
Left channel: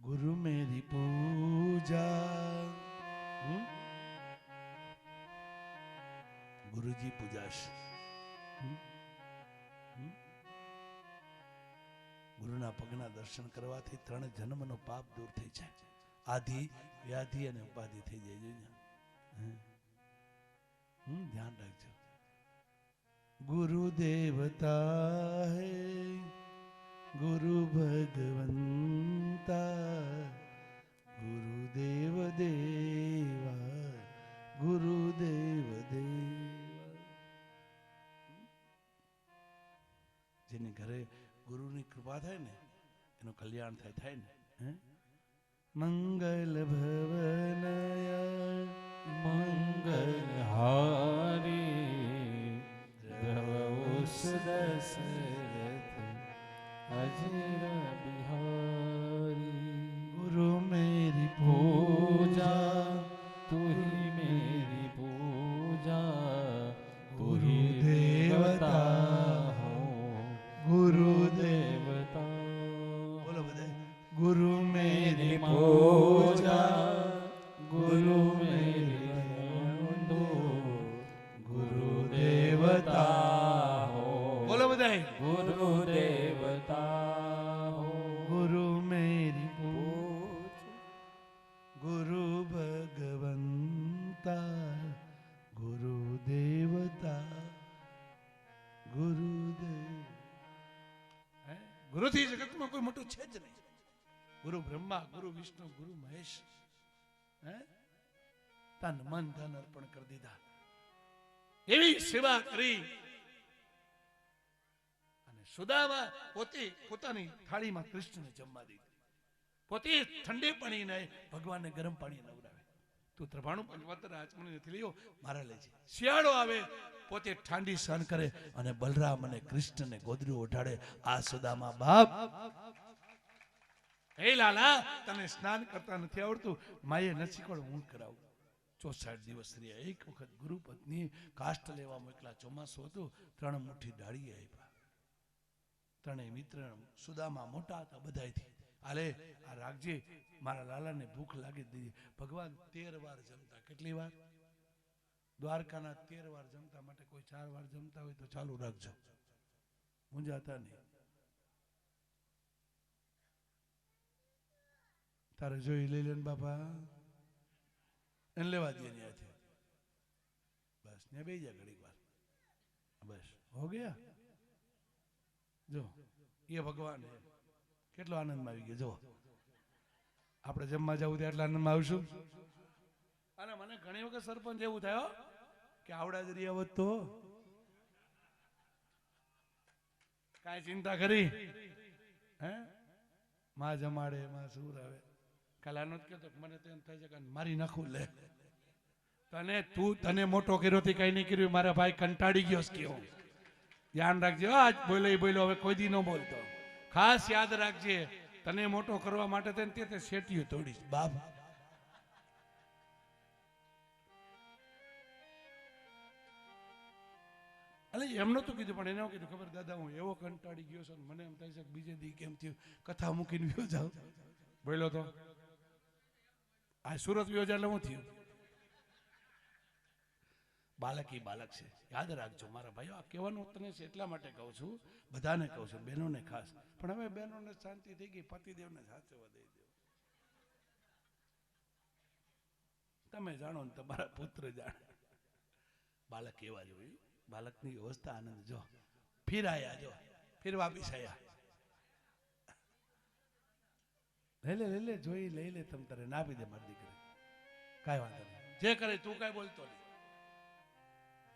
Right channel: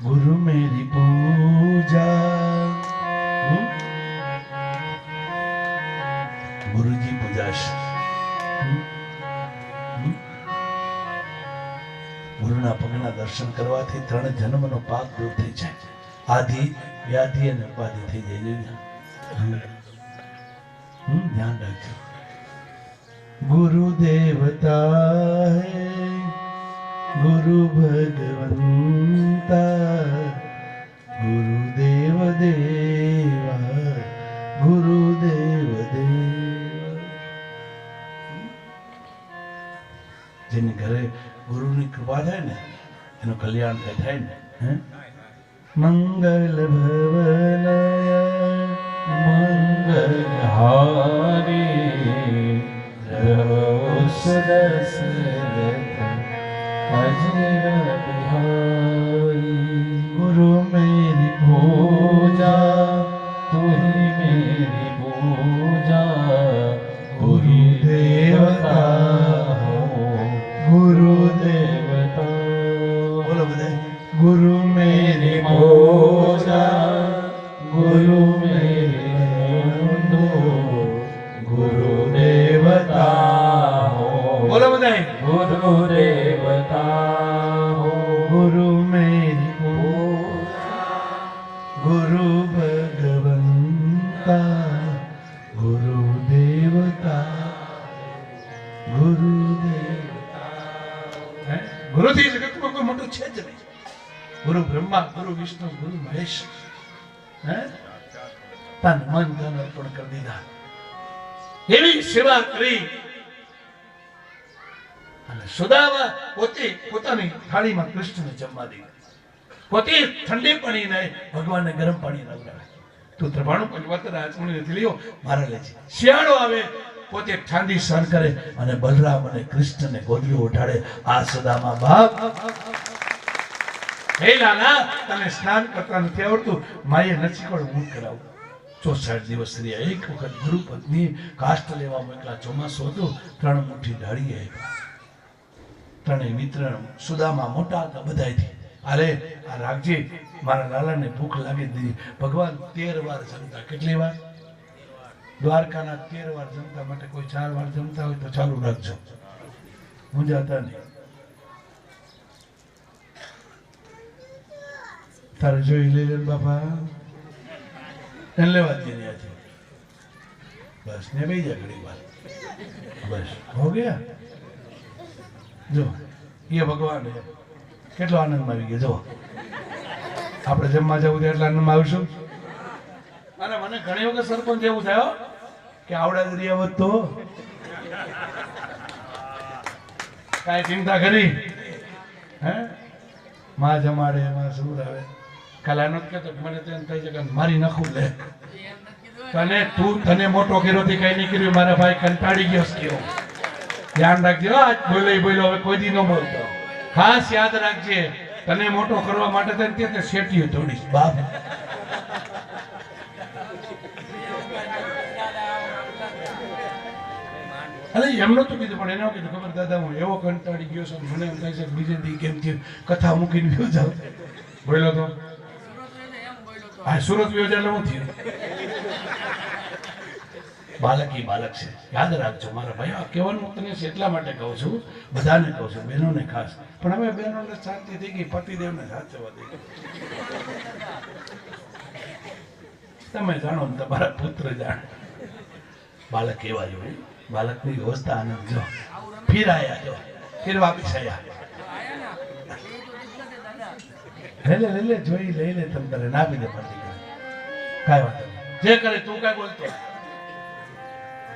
गुरु मेरी पूजा, गुरुजी पूजा गुरुना पगना दर्शन करवाथी 3 जन्मनो पाप दूर થઈ જાય. આદિ વ્યાધિ અને ઉપાધિ થઈ જાય. ધ્યાન રાખજો. गुरु देवता है, गुरु भगवंता, गुरुदेव देवा, गुरुदेव देवा. જેની ઘરે ગુરુની કૃપા થાય ને એનું કલ્યાણ થાય ને. મંગલ ભવનય મંગલ હારી સદસરથ અજર બિહારી. गुरु मेरी पूजा तुही मेरी पूजा, तुही देवता हो, गुरु देवता. बोलो બધા. गुरु मेरी पूजा, गुरु मेरी बंधु, गुरु देवता हो. બોલો બધા. गुरु देवता हो. गुरु मेरी पूजा, गुरु भगवंता, गुरु देवता, गुरु देवता. गुरुથી જગતમાં કોઈ મોટું છે જ નહીં. ગુરુ બ્રહ્મા, ગુરુ વિષ્ણુ, ગુરુ મહેશ. તન મન ધન અર્પણ કરી દીધા. એવી સેવા કરી અને સુદામા પોતે પોતાની થાળીમાં કૃષ્ણને જમવા દે. પોતે ઠંડી પાણી નહીં, ભગવાનને ગરમ પાણી નવડાવે. તું 93 પંચવત રાજમુનિ નથી લ્યો, મારા લેજે. શિયાળો આવે પોતે ઠંડી સહન કરે અને બલરામ અને કૃષ્ણને ગોદડું ઉઠાડે. આ સુદામા બાપ, હે લાલા, તને સ્નાન કરતા નથી આવડતું, માએ નથી કોણ હું કરાવું. 64 દિવસ રહ્યા. એક વખત ગુરુ પત્ની કાષ્ટ લેવા મોકલા. ચોમાસું હતું, 3 મુઠ્ઠી ઢાળી આવ્યા. 3 મિત્ર સુદામા મોટા હતા બધાયથી. અરે આ રાખજે, મારા લાલાને ભૂખ લાગી દીધી. ભગવાન 13 વાર જમતા. કેટલી વાર? દ્વારકાના 13 વાર જમતા. માટે કોઈ 4 વાર જમતા હોય તો ચાલુ રાખજો, મૂંઝાતા નહીં. તારે જોઈ લે બાપા, એને લેવા જ નહીં આજે. બસ ને બેસી જા ઘડી વાર, બસ હો ગયા. જો એ ભગવાન કેટલો આનંદમાં આવી ગયો. જો આપણે જમવા જવું તો એટલા આનંદમાં આવશું. અને મને ઘણી વખત સરપંચ એવું થયો કે આવડા દરિયા વધતો કાંઈ ચિંતા કરી. હે માં જમાડે, માં સુર આવે. કાલે આનો કહેતો મને તો એમ થાય છે કે મારી નાખું લે. તને મોટો કર્યો થી કઈ નહીં કર્યું. મારા ભાઈ કંટાળી ગયો કેવો. ધ્યાન રાખજો. આજ બોલ્યો હવે કોઈ દી ન બોલતો. ખાસ યાદ રાખજે, તને મોટો કરવા માટે તને શેટીઓ તોડીશ બાપ. અરે એમનો તો કીધું, પણ એનો કીધું ખબર દાદા હું એવો કંટાળી ગયો છું, મને એમ થાય છે બીજે દી કેમ થયું કથા મૂકીને ગયો જાવ. બોલ્યો તો હા, સુરત ગયો એટલે હું થયું. બાલક ઈ બાલક છે, યાદ રાખજો મારા ભાઈ. આ કહેવાનું તને એટલા માટે કહું છું, બધાને કહું છું, બહેનોને ખાસ. પણ હવે બહેનોને શાંતિ થઈ ગઈ, પતિદેવને સાચવવા દે. તમે જાણો ને તમારા પુત્ર જાણે. બાલક એવા જ હોય. બાલકની વ્યવસ્થા આનંદ જો ફિરાયા, જો ફિરવા બિછાયા. લઈ લે જોઈ લઈ લે તમ તારે ના પી દે પડતી કરે કાંઈ વાંધો નહીં જે કરે તું કાંઈ બોલતો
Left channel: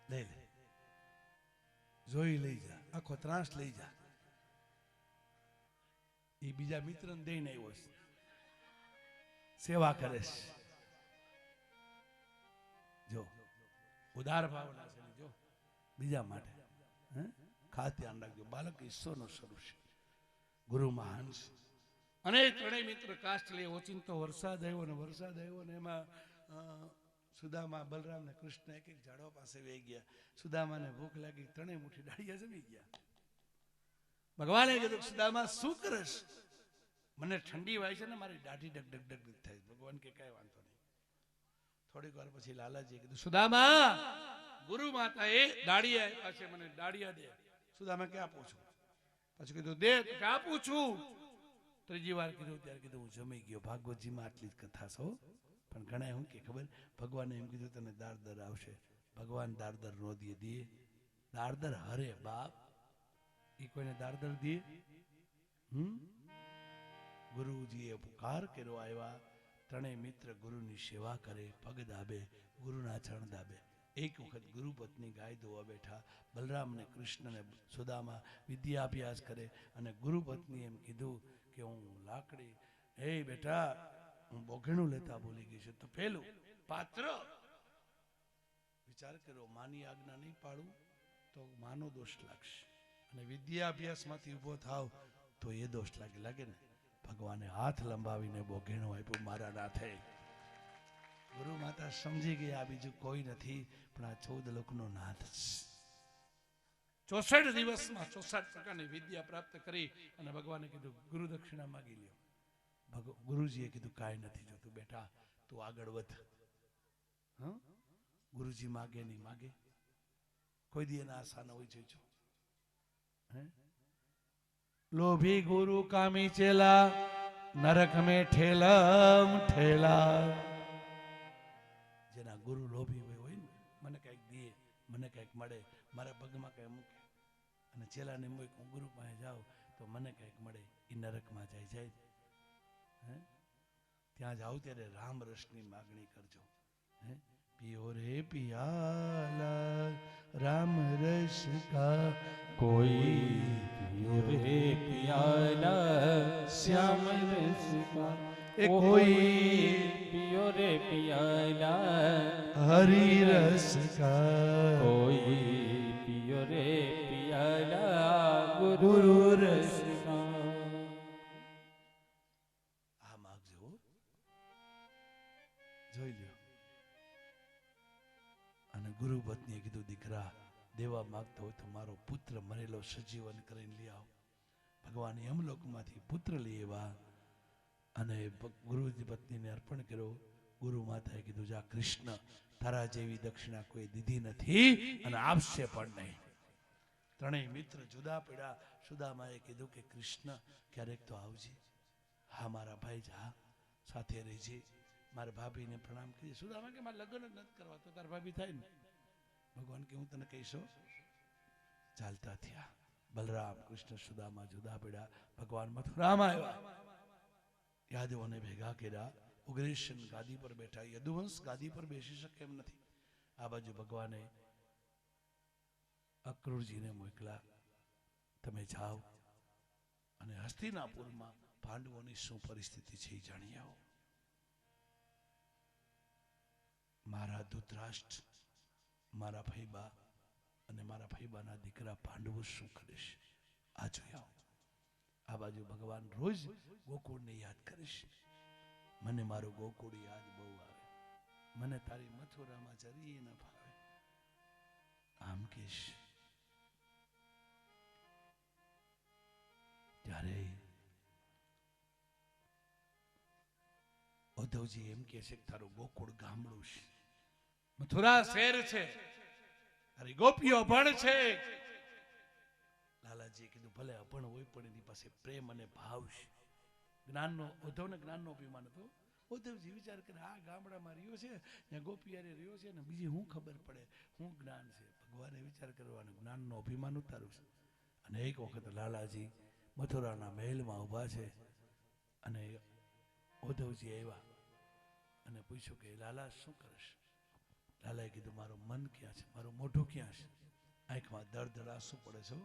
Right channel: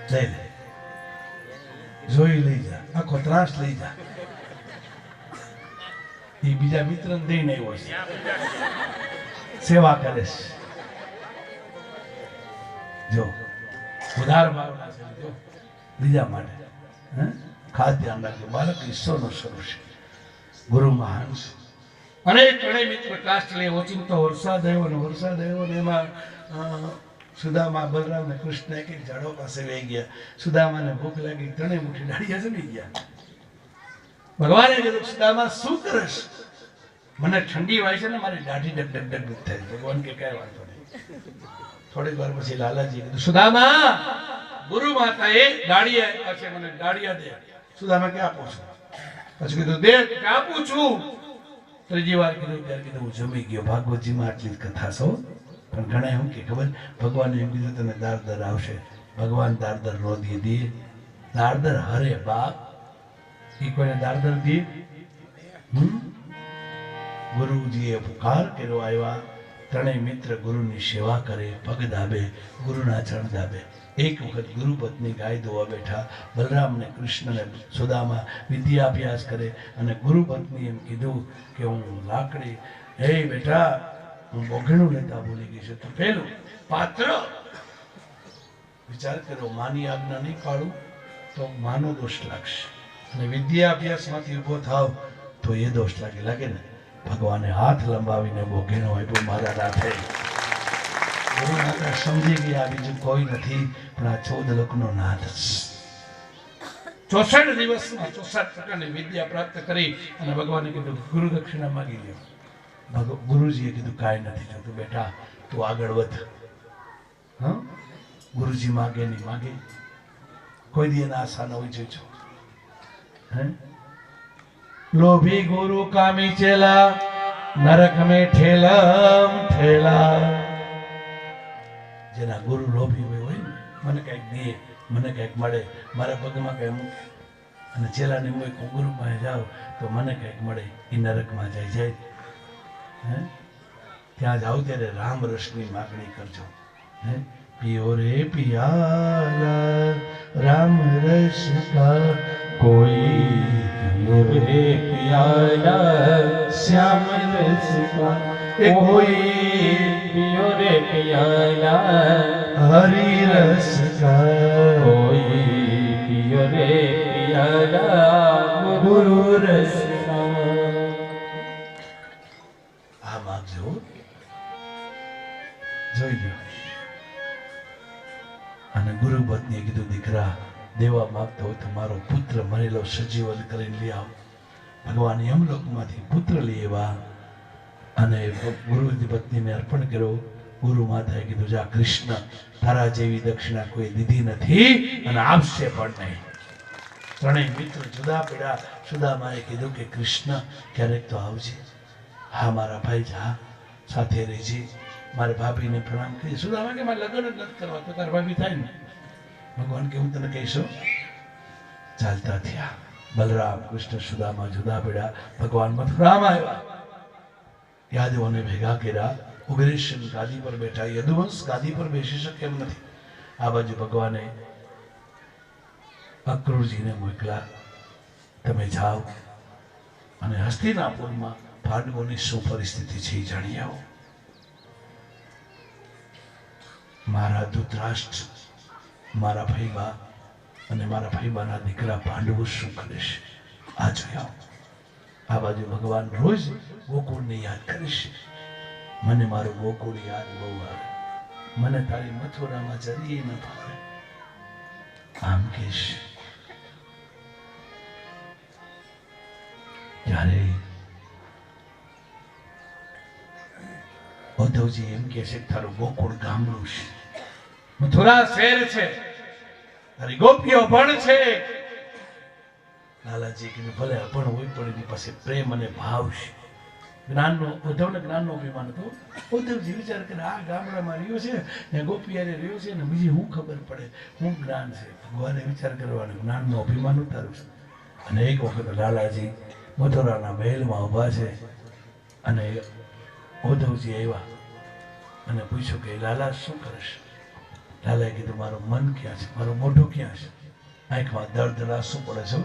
લઈ લે જોઈ લઈ જા આખો ત્રાસ લઈ જા એ બીજા મિત્રને દઈને આવ્યો છે સેવા કરે છે જો ઉધાર ભાવના છે જો બીજા માટે ખાસ ધ્યાન રાખજો બાળક ઈશ્વરનો સ્વરૂપ છે ગુરુ મહાન છે અનેક ઘણે મિત્ર કાષ્ટ લે ઓચિંતો વરસાદ આવ્યો ને એમાં સુદામા બલરામ ને કૃષ્ણ એક ઝાડો પાસે વહી ગયા સુદામાને ભૂખ લાગી ત્રણેય મુઠ્ઠી ડાળિયા જમી ગયા ભગવાને કીધું સુદામા શું કરસ મને ઠંડી વાય છે ને મારી દાઢી ડગ ડગ ડગ થાય ભગવાન કે કઈ વાંધો નહીં થોડીક વાર પછી લાલાજી કીધું સુદામા ગુરુ માતાએ ડાળિયા આપ્યા છે મને ડાળિયા દે સુદામા કે આપો છો પછી કીધું દે આપું છું ત્રીજી વાર કીધું ત્યારે કીધું હું જમી ગયો ભાગવતજીમાં આટલી જ કથા છો પણ ઘણા એમ કે ખબર ભગવાને એમ કીધું તને દારદર આવશે ભગવાન દારદર નો દે દારદર હરે બાપ એ કોઈને દારદર દે ગુરુજીએ પુકાર કર્યો આવ્યા ત્રણેય મિત્ર ગુરુની સેવા કરે પગ દાબે ગુરુના ચરણ દાબે એક વખત ગુરુ પત્ની ગાય દોવા બેઠા બલરામ ને કૃષ્ણ ને સુદામા વિદ્યાભ્યાસ કરે અને ગુરુ પત્ની એમ કીધું કે હું લાકડી હે બેટા હું બોઘણું લેતા ભૂલી ગઈ છું તો પેલું પાત્ર વિચાર કરો માની આજ્ઞા નહીં પાડું તો માનો દોષ લાગશે અને વિદ્યાભ્યાસમાંથી ઊભો થાવ તો એ દોષ લાગે ને ભગવાને હાથ લંબાવીને બોઘેણો આપ્યો મારા નાથે ગુરુ માતા સમજી ગયા બીજું કોઈ નથી પણ આ 14 લોકનો નાથ છે 64 દિવસમાં 64 પ્રકારની વિદ્યા પ્રાપ્ત કરી અને ભગવાને કીધું ગુરુ દક્ષિણા માંગી લ્યો ગુરુજીએ કીધું કાંઈ નથી થતું બેટા તું આગળ વધ હા ગુરુજી માગે નહીં માગે કોઈ દી એના આશા ન હોય જોજો હે લોભી ગુરુ કામી ચેલા નરક में ठेलम ठेला જેના ગુરુ લોભી હોય ને મને કઈક દે મને કઈક મળે મારા પગમાં કઈ મૂકે અને ચેલાને હું ગુરુ પાસે જાઉં તો મને કઈક મળે એ નરકમાં જાય હે ત્યાં જાવ ત્યારે રામ રસની માગણી કરજો હે पियो रे पियाला राम रस का कोई पियो रे पियाला श्याम रस का कोई पियो रे पियाला हरि रस का कोई पियो रे पियाला गुरु रस का આ માગજો જોઈ લો અને ગુરુ પત્નીએ કીધું દીકરા દેવા માંગતો હોય તો મારો પુત્ર મરેલો સજીવન કરીને લઈ આવ ભગવાન યમલોકમાંથી પુત્ર લઈ આવ્યા અને ગુરુની પત્નીને અર્પણ કર્યો ગુરુ માતાએ કીધું જા કૃષ્ણ તારા જેવી દક્ષિણા કોઈ દીધી નથી અને આપશે પણ નહીં ત્રણેય મિત્ર જુદા પડ્યા સુદામાએ કીધું કે કૃષ્ણ ક્યારેક તો આવજે હા મારા ભાઈ જા સાથે રહેજે મારે ભાભીને પ્રણામ કરી સુદામા કે મારે લગ્ન જ નથી કરવા તો તાર ભાભી થાય ને ભગવાન કે હું તને કહીશું ચાલતા થયા બલરામ કૃષ્ણ સુદામા જુદા પડ્યા ભગવાન મથુરામાં આવ્યા યાદવોને ભેગા કર્યા ઉગ્રેશન ગાદી પર બેઠા યદુવંશ ગાદી પર બેસી શકે એમ નથી આ બાજુ ભગવાને અક્રૂરજીને મોકલા તમે જાઓ અને હસ્તિનાપુરમાં પાંડવોની શું પરિસ્થિતિ છે એ જાણી આવો મારા ધૃતરાષ્ટ્ર મારા ભાઈબા અને મારા ભાઈબાના દીકરા પાંડવો શું કરે છે આ જોયા આ બાજુ ભગવાન રોજ ગોકુળને યાદ કરે છે મને મારું ગોકુળ યાદ બહુ આવે મને તારી મથુરામાં જરીએ ન ભાવે આમ કે છે ત્યારે ઉદ્ધવજી એમ કે છે તારું ગોકુળ ગામડું છે મથુરા શહેર છે તારી ગોપીઓ ભણ છે લાલાજી કીધું ભલે અભણ હોય પણ એની પાસે પ્રેમ અને ભાવ છે જ્ઞાનનો ઉદ્ધવને જ્ઞાનનો અભિમાન હતો ઉદ્ધવજી વિચાર કરે આ ગામડામાં રહ્યો છે ને ગોપિયારે રહ્યો છે ને બીજી શું ખબર પડે શું જ્ઞાન છે ભગવાને વિચાર કરવાનો જ્ઞાનનો અભિમાન ઉતાર્યું છે અને એક વખત લાલાજી મથુરાના મહેલમાં ઊભા છે અને ઉદ્ધવજી આવ્યા અને પૂછ્યું કે લાલા શું કરશ? લાલાએ કીધું મારું મન ક્યાં છે, મારું મોઢું ક્યાં છે? આંખમાં દર્દ આંસુ પડે છે.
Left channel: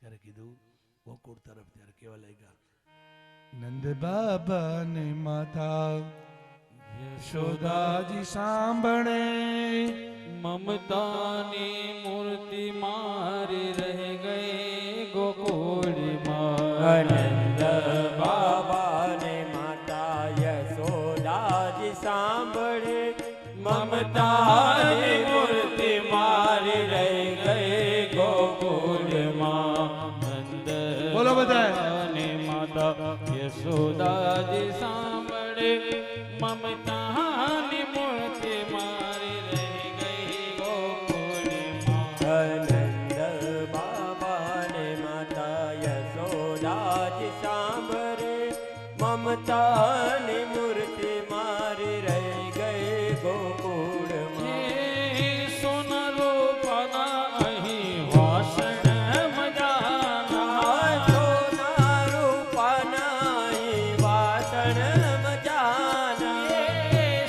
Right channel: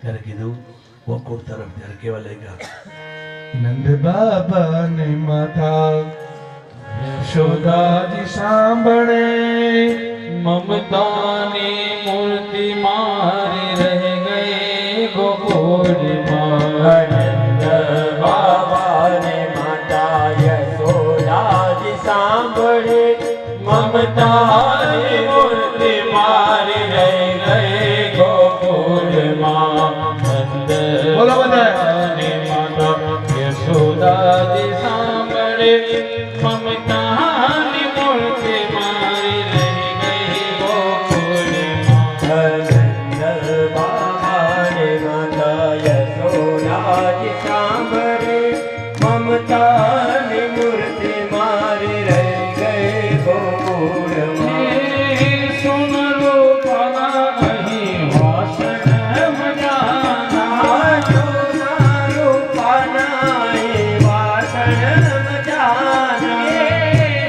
ત્યારે કીધું ગોકુળ તરફ. ત્યારે કેવા લાગ્યા? નંદ બાબા ને માતા યશોદાજી સાંભળે, મમતાની મૂર્તિ મારી રહી ગઈ ગોકુળમાં. નંદ બાબાને માતા યશોદાજી સાંભળે, મમતાની મૂર્તિ મારી રહી ગઈ ગોકુળમાં. બોલો બધા. નંદની માતા યશોદાજી સાંભળે, મમતાની મૂર્તિ મારી રહી ગઈ ગોકુળમાં. નંદ બાબાને માતા યશોદાજી સાંભળે, મમતાની મૂર્તિ મારી રહી ગઈ ગોકુળમાં. સુમરો પરા અહીં વાસણ મજાના. સોના રૂપાના એ વાસણ મજાના.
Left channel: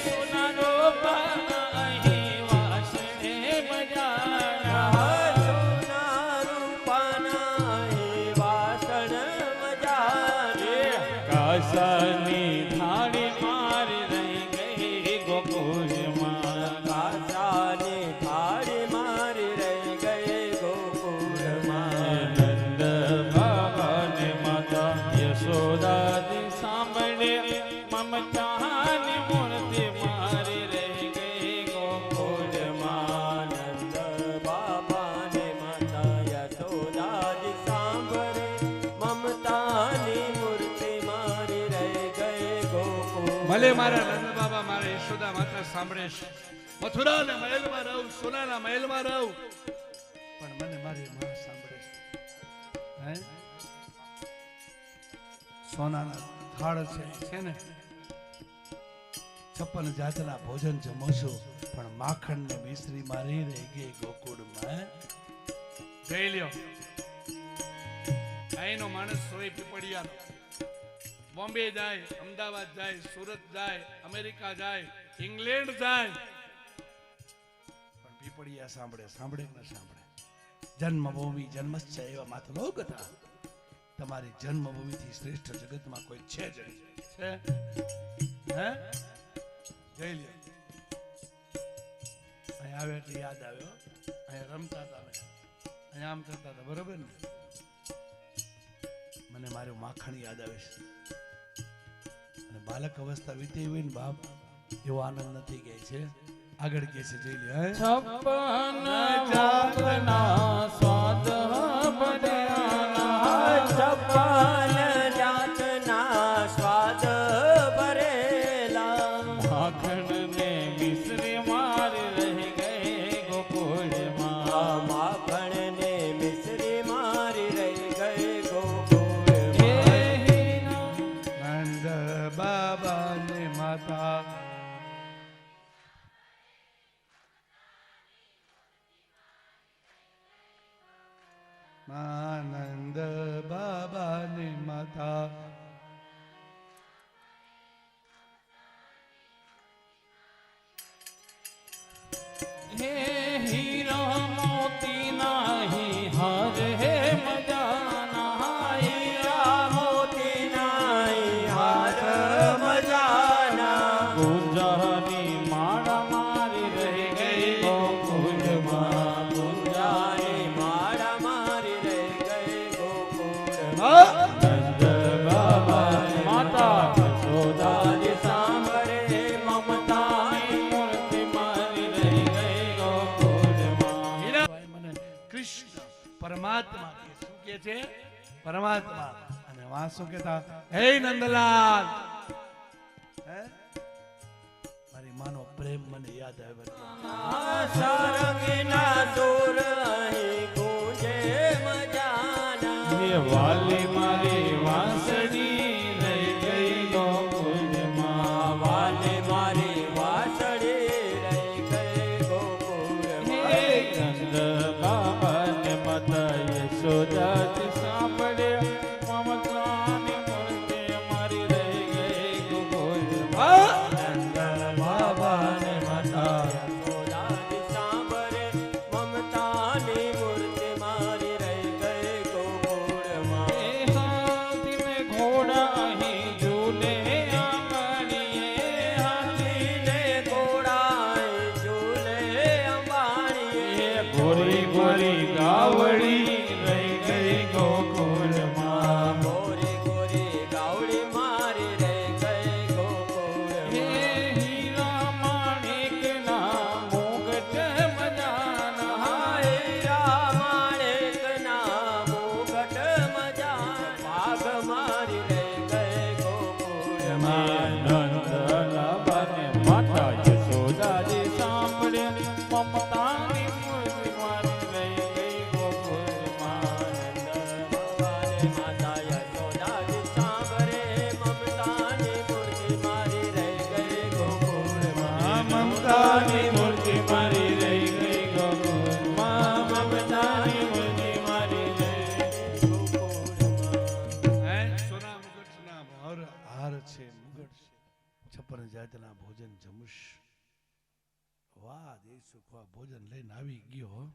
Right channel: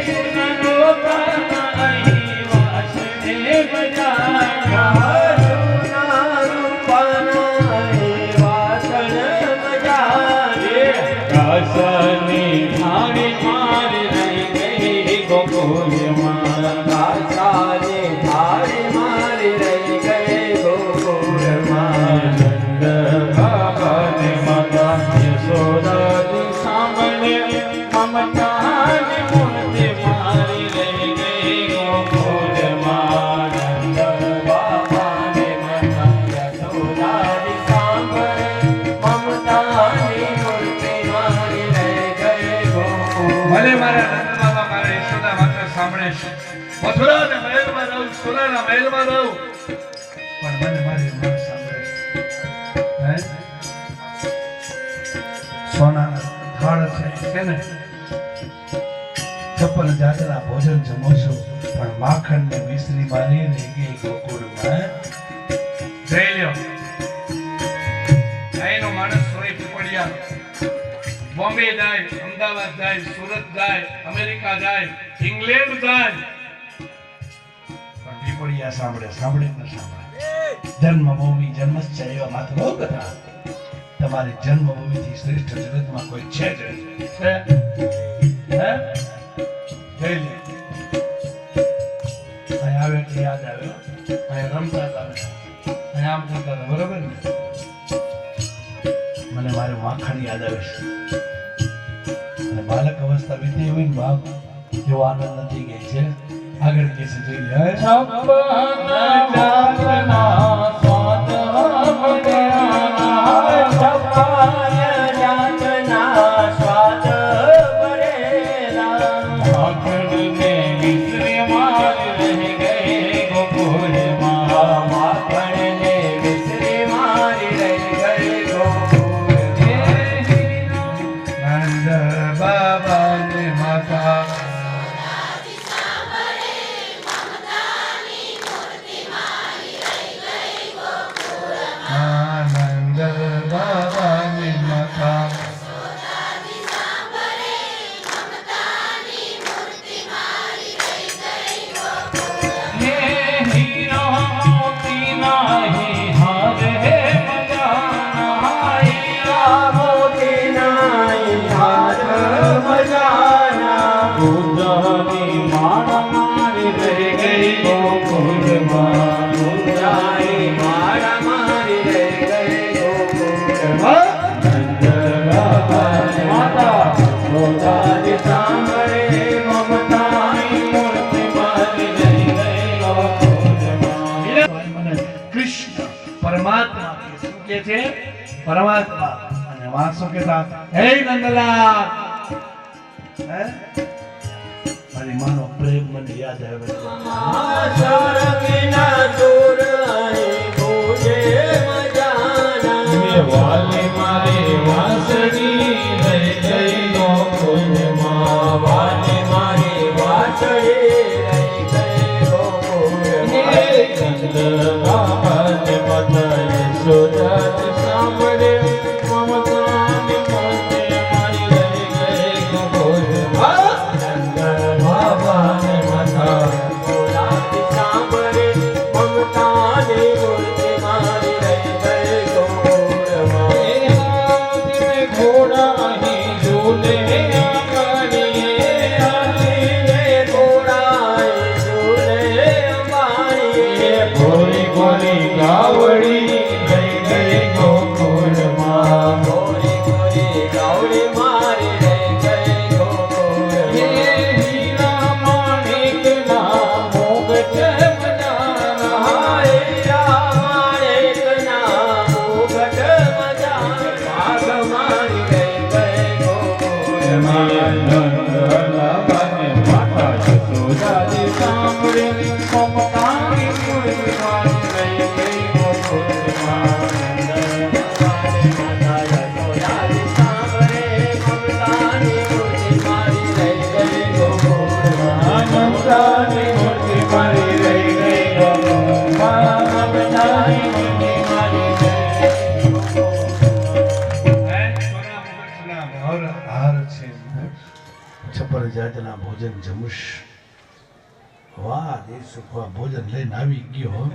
સુમરો પરા અહીં વાસણ મજાના. સોના રૂપાના એ વાસણ મજાના. રસની થાળી મારી રહી ગઈ ગોકુળમાં. કાસાની થાળી મારી રહી ગઈ ગોકુળમાં. નંદ બાબાને માતા યશોદાજી સાંભળે, મમતાની મૂર્તિ મારી રહી ગઈ ગોકુળમાં. નંદ બાબાને માતા યશોદાજી સાંભળે, મમતાની મૂર્તિ મારી રહી ગઈ ગોકુળમાં. ભલે મારા નંદ બાબા મારા યશોદા માતા સાંભળે છે. મથુરાના મહેલમાં રહું, સોનાના મહેલમાં રહું, પણ મને મારી માં સાંભળે છે. હે? સોનાના થાળ છે ને, છપ્પન જાતના ભોજન જમો છું, પણ માખણ ને મિશ્રી મારી રહી ગઈ ગોકુળમાં. જઈ લ્યો. અહીંનો માણસ હોય પીપળિયા, બોમ્બે જાય, અમદાવાદ જાય, સુરત જાય, અમેરિકા જાય, ઇંગ્લેન્ડ જાય, પણ પીપળિયા સાંભળે સાંભળે ન સાંભળે. જન્મભૂમિ જન્મસ્ય એવા માત્ર કથા. તમારી જન્મભૂમિથી શ્રેષ્ઠ જગતમાં કોઈ છે જ નહીં. છે? હે? જઈ લે. અહીં આવે એટલે યાદ આવે. અહીં રમતા હતા, અહીં આમ થતા હતા, બરોબર ને? મને મારું માખણ યાદ આવે છે. અને બાલક અવસ્થા વીતી હોય ને બાપ, જો આનંદ નથી ગઈ છે. આગળ કે છે જોઈ લે. છપ્પન જાતના સ્વાદ ભર્યા. છપ્પન જાતના સ્વાદ ભરેલા. માખણને મિશ્રી મારી રહી ગઈ ગોકુળમાં. માખણને મિશ્રી મારી રહી ગઈ ગોકુળમાં. નંદ બાબાને માતા નંદ બાબાને માતા હે હીરા મોતીના હી હાર હે મજાના. હીરા મોતીના હાર મજાના. ઉદ્ધવની માળા મારી રહી ગઈ ગોકુળમાં. ઉદારી મારા મારી રહી ગઈ ગોકુળમાં. નંદ બાબાને માતા યશોદાજી સાંભળે, મમતાની મૂર્તિ મારી રહી ગઈ ગોકુળમાં. મને કૃષ્ણ પરમાત્મા કે શું કે છે? પરમાત્મા. અને વાસો કહેતા હે નંદલાલ. હે? મારી માનો પ્રેમ મને યાદ આવે છે. સરગીના સુર અહીં ગૂંજે મજાના. વાલી મારી વાંસળી રહી ગઈ ગોકુળમાં. વાલી મારી વાંસળી રહી ગઈ ગોકુળમાં. નંદ બાબાને માતા યશોદાજી સાંભળે, મમતાની મૂર્તિ મારી રહી ગઈ છપ્પન જાતના ભોજન જમુશ. વાહ એ સુખવા ભોજન લઈને આવી ગયો.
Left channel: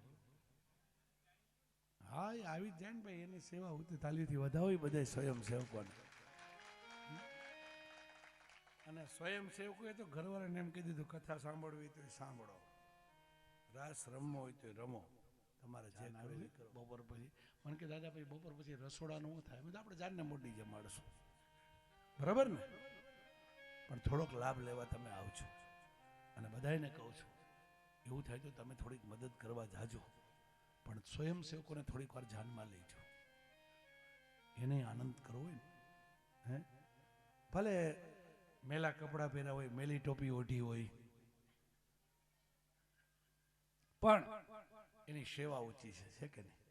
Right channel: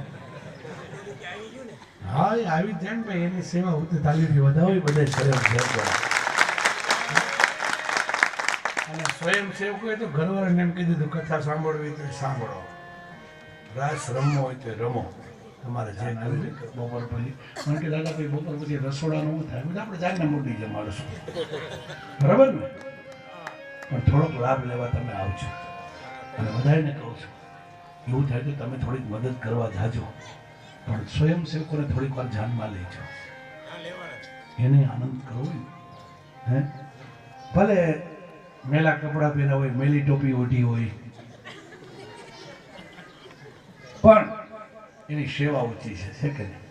હા એ આવી જ જાય ને ભાઈ, એની સેવા હોતી તાલીથી વધાવી બધા સ્વયં સેવકો. અને સ્વયં સેવકોએ તો ઘરવાળાને એમ કીધું હતું કથા સાંભળવી તો સાંભળો, રાસ રમવો હોય તો રમો, તમારે જે કરવું હોય બપોર પછી. મને કે દાદા ભાઈ બપોર પછી રસોડાનું થાય, બધા આપણે જાગને મોટી જમાડશું, બરાબર ને? પણ થોડોક લાભ લેવા તમે આવજો. અને બધાને કહું છું એવું થાય તો તમે થોડીક મદદ કરવા જાજો, પણ સ્વયંસેવકોને થોડીક વાર ધ્યાનમાં લેજો, એને આનંદ કરવો ને. હે ભલે મેલા કપડાં પહેર્યા હોય, મેલી ટોપી ઓઢી હોય, પણ એની સેવા ઊંચી છે કે નહીં?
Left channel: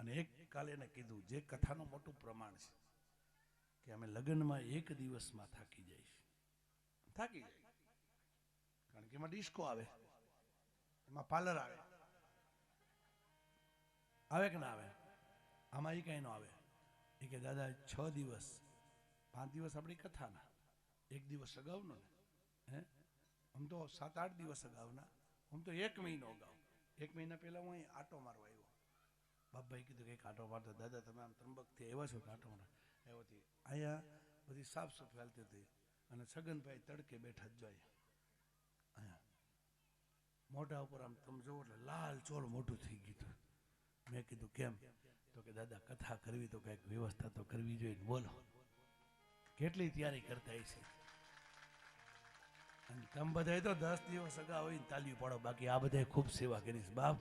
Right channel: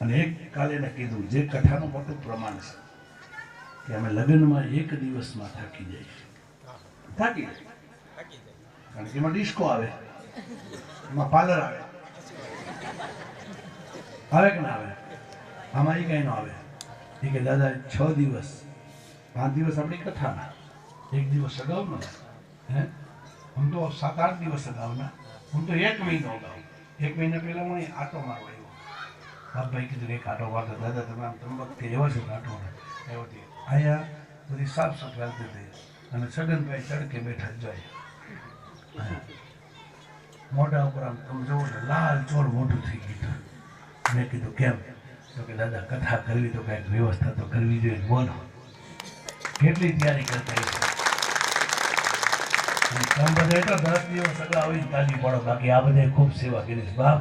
અને એક કાલે એને કીધું, જે કથાનું મોટું પ્રમાણ છે કે અમે લગ્નમાં એક દિવસમાં થાકી જાય, થાકી જાય. કારણ કે એમાં ડિસ્કો આવે, એમાં પાર્લર આવે, આવે કે ના આવે? આમાં એ કઈ ન આવે. એ કે દાદા 6 દિવસ 5 દિવસ આપણી કથાના, એક દિવસ અગાઉના, હે હું તો 7-8 દિવસ અગાઉના, હું તો 1 મહિનો અગાઉ, 1 મહિના પહેલા હું આટો મારવા આવ્યો. બાપભાઈ કીધું એક આટો મારતો. દાદા તમે આમ તંબકથી એવો છો આટો આવ્યો હતી. અહીંયા બધી સાફ સફાઈ હાલતી હતી અને છગનભાઈ તડકે બેઠા જ જાય. મોઢા ઉપર આમ તમે જોવો ને લાલ ચોર મોઢું થઈ ગયું. મેં કીધું કેમ? તો કે દાદા કથા કરવી તો કંઈક વ્યવસ્થા તો કરવી જોઈએ, બોલો કેટલી તૈયારી કરતા છે. તમે બધા એટલા 10 દિવસ અગાઉ આવીને તાજી પડો, બાકી આ બધા ખૂબ સેવા કરી છે. બાપ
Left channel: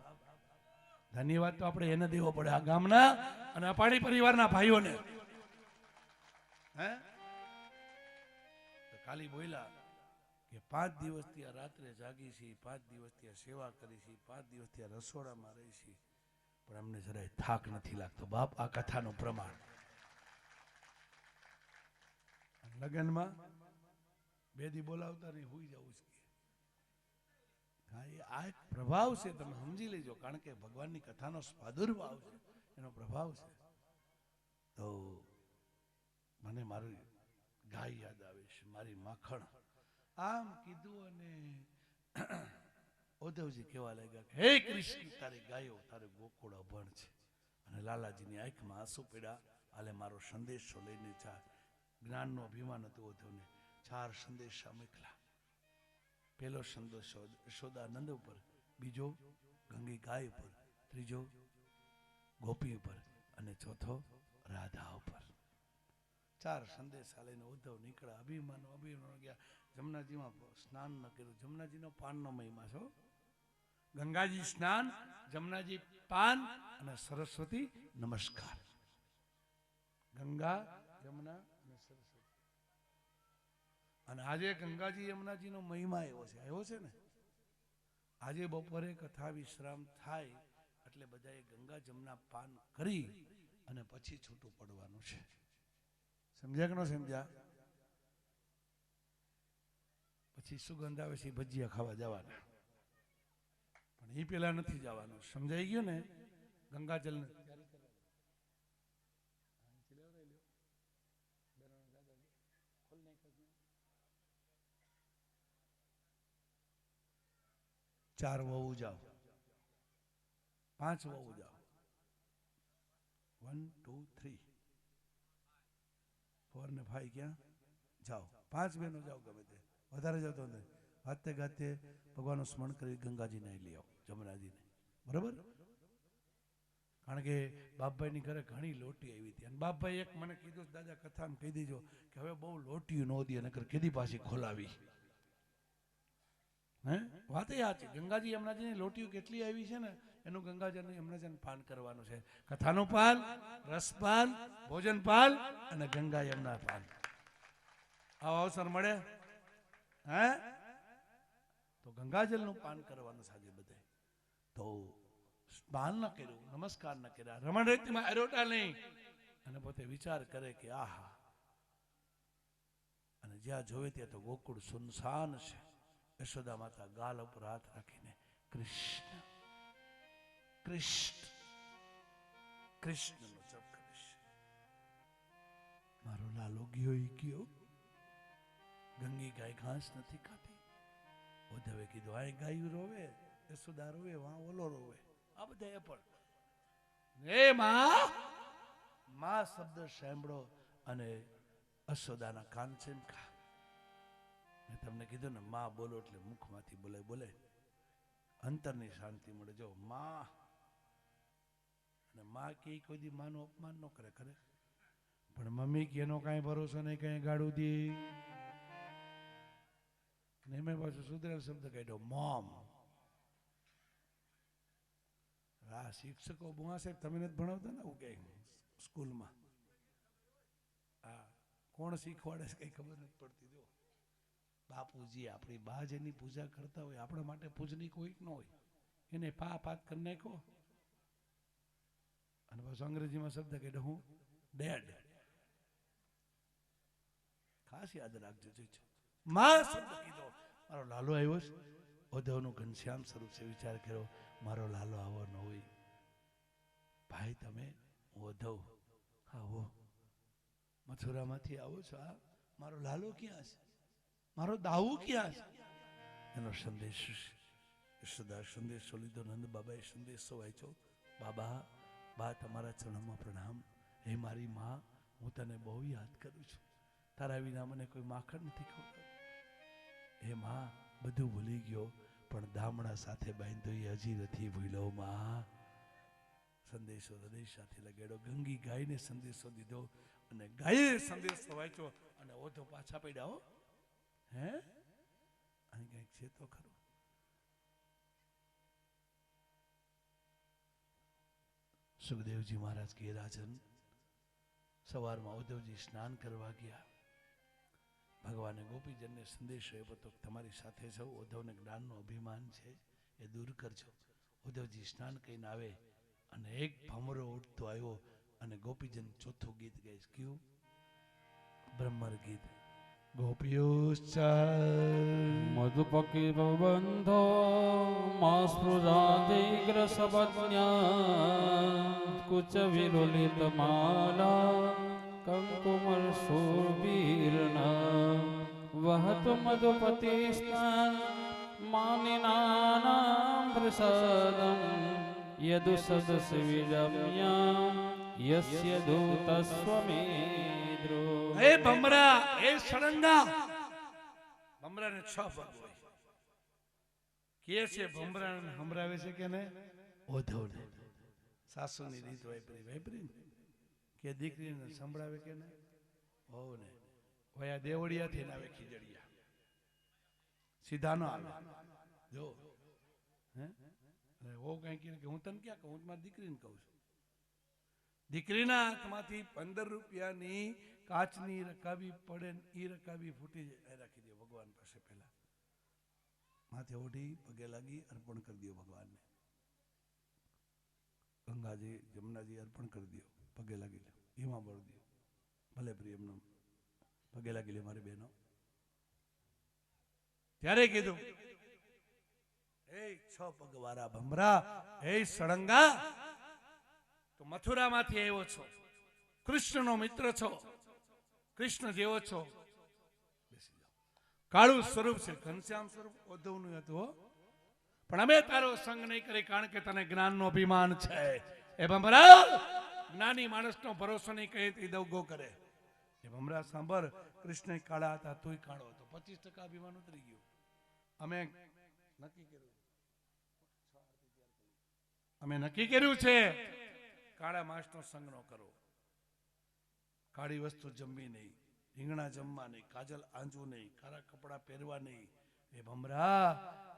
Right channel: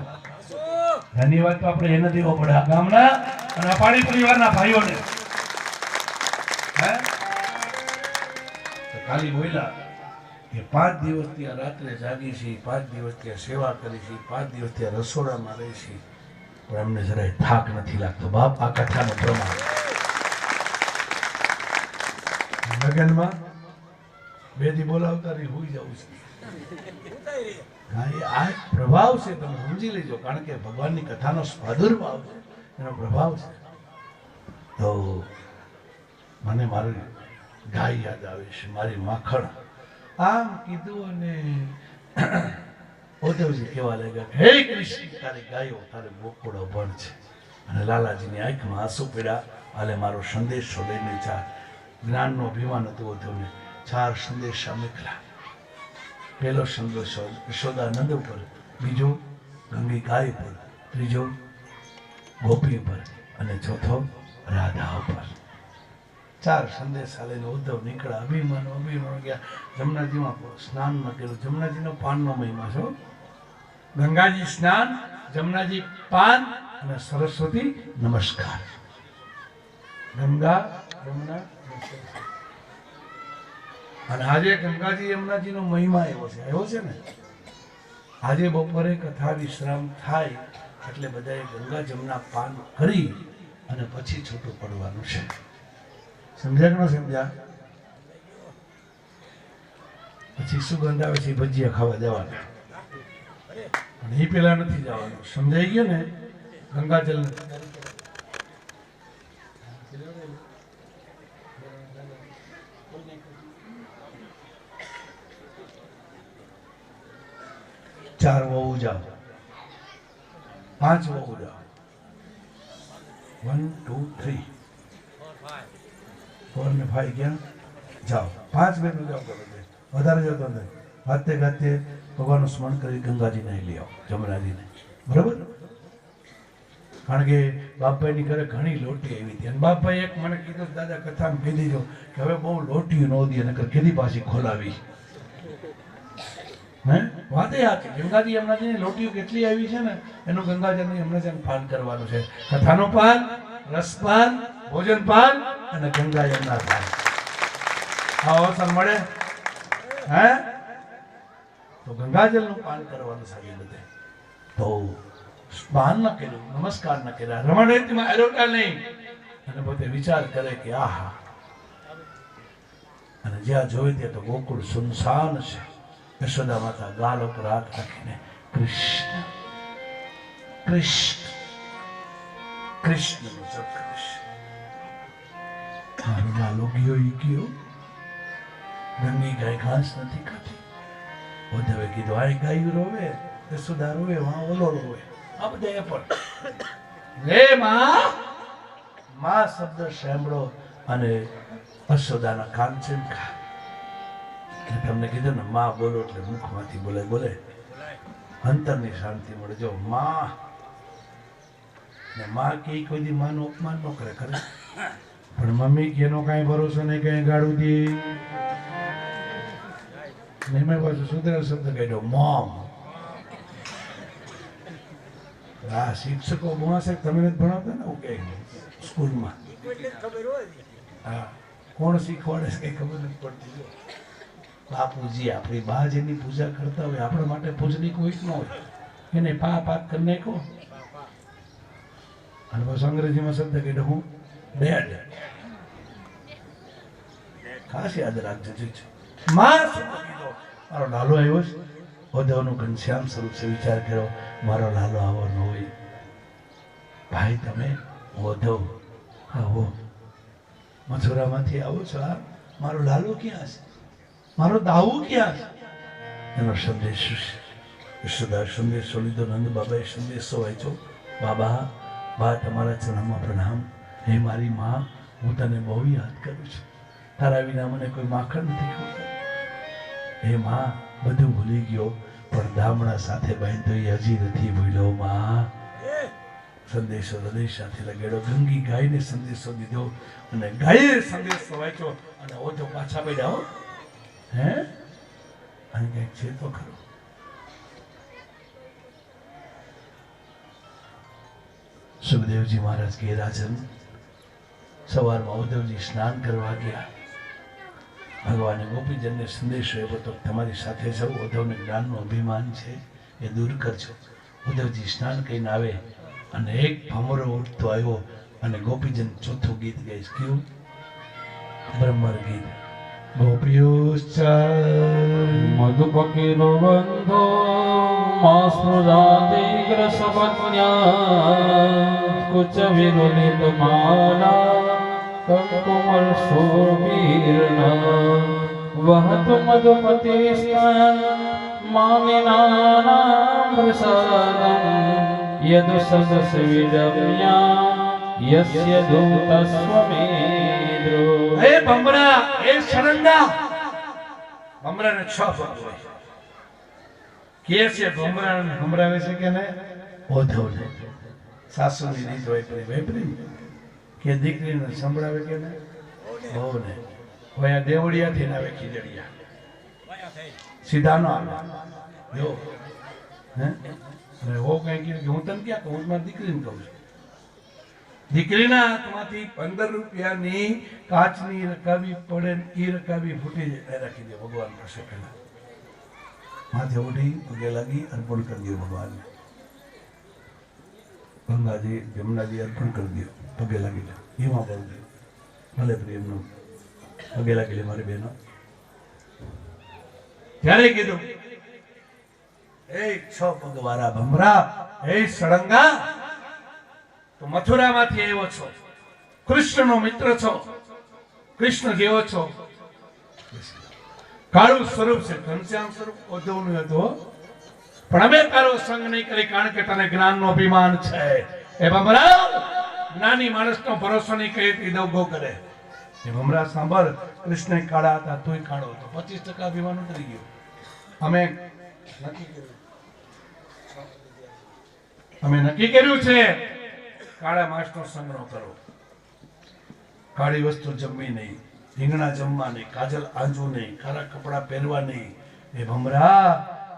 ધન્યવાદ તો આપણે એને દેવો પડે, આ ગામના અને આ પાણી પરિવારના ભાઈઓને. હે તો ખાલી બોલ્યા કે 5 દિવસથી આ રાત્રે જાગી છે, 5 દિવસથી આ સેવા કરી છે, 5 દિવસથી આ રસોડામાં રહી છે, પણ અમને જરાય થાક નથી લાગતો. બાપ આ કથાનું પ્રમાણ. લગ્નમાં 2 દી બોલાવતા નહીં, હોઈ જવું છે. હા એ આ પ્રભાવ છે, તમે સમજી લેજો. કારણ કે ભગવાનની કથાનો પ્રાદુર્ભાવ છે, એનો પ્રભાવ છે. તો મને મારી ગાય યાદ આવે છે, મારી માખણ. આમ કીધું અને ઉદ્ધવજી કેવા લાગ્યા, હે કૃષ્ણ તારી ગાયો તારે ગોકુળ અભણ છે. અને લાલાજીની આંખમાં આંસુ પડ્યા. હાલે મારો સંદેશો લઈને 4 જ્ઞાનનો અભિમાન હતું ઉદ્ધવને. 4 સંદેશા મોકલ્યા. પહેલો સંદેશો યશોદાનંદ ઉપર, બીજો ગંગી ગાય પર, ત્રીજો ગોપી પર અને ચોથો રાધા ઉપર. 4 સંદેશા લઈને ઉદ્ધવ નીકળ્યા. અભિમાન ગયા. જમનાજીમાં સ્નાન ન કર્યું. જમનાજીનો પાનનો મહિમા છે. ગંગાજી સ્નાન, જમનાજી પાન અને સરસ્વતી નમસ્કાર. ગંગા યમુના અને આજે ગંગાજી યમુનાજીનો મહિમા એવો છે ને. આજે બપોરે કથા વિશ્રામ થાય એટલે બધાએ ગંગા જમના પાન કરી અને પછી છૂટું પડવાનું છે. સમજ્યા કે ન સમજ્યા? પછી સુગંધ આવે છે, ભજીયા ખાવા જવાના, અને એ પેલા નથી જવાનું. સમજાઈ ગયું ને? ગંગાજલ ચાર વહુ જાઓ, 5 વહુ જાઓ, 1 2 3 4 ને 5 ગયા જાઓ. 5 બહેનો જાઓ, વધારે જતો નથી. ગાતે ગાતે ભગવાનનું સ્મરણ કરી ગંગાજીને લઈ આવો, જમનાજીને. બરાબર? કારણ કે બાપભાઈની ઘરે ઘણી લોટી આવી હતી. અને બાપભાઈ એક મને કીધું, દાદા કથામાં કહી દેજો કે હવે બહુ લોટીઓ ન દી, અને કેદી પાછી ખોલાવી. હે વાતે હતી. ગંગાજી યમુનાજીની લોટીઓ કેટલી આવી છે ને, એનું ગંગાજળનું યમુનાજીનું પાન કરવાનું છે. કથાનું પાન, રસપાન, ભોજન પાન અને ગંગા યમુના પાન. આ અવસર મળે હે તો ગંગાજળનું પાન કરવાનું સારી બધે. તો પાન ન કર્યું, નમસ્કાર ન કર્યા, રમણ રીતિમાં એરોટા નહીં, અને પોતે વિચાર કરે કે આહા, અને જ્યાં જોઈ ત્યાં તો ગોકુળ સુનસાન છે. યશોદા માતા ગાલ ઉપર હાથ રાખીને કૃષ્ણ કૃષ્ણ કૃષ્ણ નો જપ કરે છે. મારો લાલો ગયો ઈ ગયો. ગંગી ગાય ઘાસ નથી ખાતી. ઉદ્ધવે કીધું આ ગાયું રોવે, યશોદા રોવે, વાં ઓલો રોવે, આ બધા એ પણ હે માં, માં શબ્દ સાંભળો અને યશોદાના કાન છે ને ખા. તમને કીધું ને માં બોલો એટલે મુખમાંથી બોલે બોલે અંતરની શાંતિ મળે. જો માં ને માં કે કોઈ દી માનું અપમાન ન કરે ખરે, પણ મમ્મી કે એનો કાંઈ ભરોસો નહીં, કઈ ગાળું દે નહીં. મેં પાછું સુધરેલ શબ્દ કહ્યો મોમ. આ શિક્ષકો ભણાશે તમે નથી ભણાવતા ને, ઓકે સ્કૂલમાં હા કોણ શીખવાડે છે કઈ ખબર નથી પડતી. બાપુજી આપણી બા જેની પૂજા કરતા હોય આપણા માટે પૂજનીક કોઈ ન હોય, એને પા પાક કરી નાખો. અને બસ અંગ્રેજીમાં શબ્દ કહેતો હું ડેડ. ખાસ યાદ રાખજો. મારો લાલો આવ્યો છે, ઉદ્ધવનું ઘનશ્યામ સ્વરૂપ છે. વિચાર કર્યો મારો લાલો આવો ન હોય. ભાઈ તમે ઉદ્ધવ આવો મથુરામાંથી આવો છો, આ મારો લાલો ક્યાં છે, મારો દાવું ક્યાં છે? એનો સંદેશ યશોદા સંદેશો લીધો. નંદ બાબાએ સંદેશો વાંચ્યો. બાબા બા તમારા ચરણમાં પ્રણામ. હે મારી માં, હું તને બહુ યાદ કરું છું. તારા વિના મને કોઈ માખણ નથી ખવડાવતું. હે માં, બધું ભૂલી ગયો પણ દામણા સાથે બાંધ્યો એ હજી નથી ભૂલ્યો માં. સંદેશો હૃદય સાથે લગાડ્યો. ગંગી ગાયને સંદેશો દીધો અને ગાયે સંદેશો વાંચ્યો અને ઓજો પાછા પડ્યા. હે અને કંઈક છે તો ખરું. સુખદેવજી મહારાજ કે રાજન સવારમાં ઉદ્ધવજી સ્નાન કરવા ગયા. ભગવાને ગોપીજનને સંદેશો આપ્યો તો તમારી સાથે સૌ ઉદ્ધવને જ્ઞાનનું અભિમાન છે એ દૂર કરજો. ઉદ્ધવજી સ્નાન કરીને આવે અને એક ભમરો ઉઠતો આવ્યો અને ગોપીજન ચોથું ગીત ગાઈશ. કયું? બ્રહ્મર ગીત. ગોપીશ્ચ મધુપકીનો બંધો માસ્પૃધાતિ ગ્રસવન્યા કુચ વિરુલિત માલા કંકુમલ શોભીર્ણા વહતુ મધુપતિ મામિનાનાં પ્રસાદં યદ સદસ વિરમ્યા યસ્ય દૂતસ્વમેદ્રો. એ ભમરા, એ સળંગા. ભમરાને 6 પગ હોય. કે છે ભમરાને સંભળાવે છે કે ને ઉદ્ધવને સાસુની રીત વાપરી કે દીકરીને સંભળાવે કે ને બહુને. હોય આ દેવડિયાથી ના આવે ખીજડિયા સીધા ન આવે. જો હે અને હો કઈ કીધું કે હું તને ક્યાં કહું, મારી દીકરીને કહું છું. દીકરીના હાથમાંથી 15 રૂપિયાની કાચની રકાબી પડે, એ રકાબી ફૂટી જાય, રાખી દે ભગવાન પાસે. પેલા માથે ઉઠી પગે લાગી અર્પણ કરી દો ભગવાનને. ગંગાજી જમનાજી અર્પણ કરી દો, પગે લાગી લે. એમાં બોલ દે ભલે પ્રેમનું પગે લાગી લે મારી બહેનો. ત્યારે કીધું એ 6 પગ વાળા ભમરા, એ સળંગા, તો મથુરામાંથી આવ્યો છો, કૃષ્ણનો મિત્ર છો, કૃષ્ણ જેવો છો. કાળું સ્વરૂપ છે, ઘનશ્યામ સ્વરૂપ ઉદ્ધવનું હતું, પણ અમે તારો સંગ નહીં કરી કારણ કે તને જ્ઞાનનો અભિમાન છે. એ ભમરા, જ્ઞાની માણસનો ભરોસો નહીં કરે તે દવગો કરે. એ ભમરા સાંભળ, કૃષ્ણ કાળા હતા તોય કાળો હતો. 25% અભિમાન ઉતરી ગયો. અમે નક્કી કર્યું છે કાળા માણસનો સંગ ન કરો. કાળી વસ્તુ જમવી નહીં, રીંગણા જમવા નહીં, કાજલ આંજવું નહીં, કાળા કપડા પહેરવા નહીં. એ ભમરા,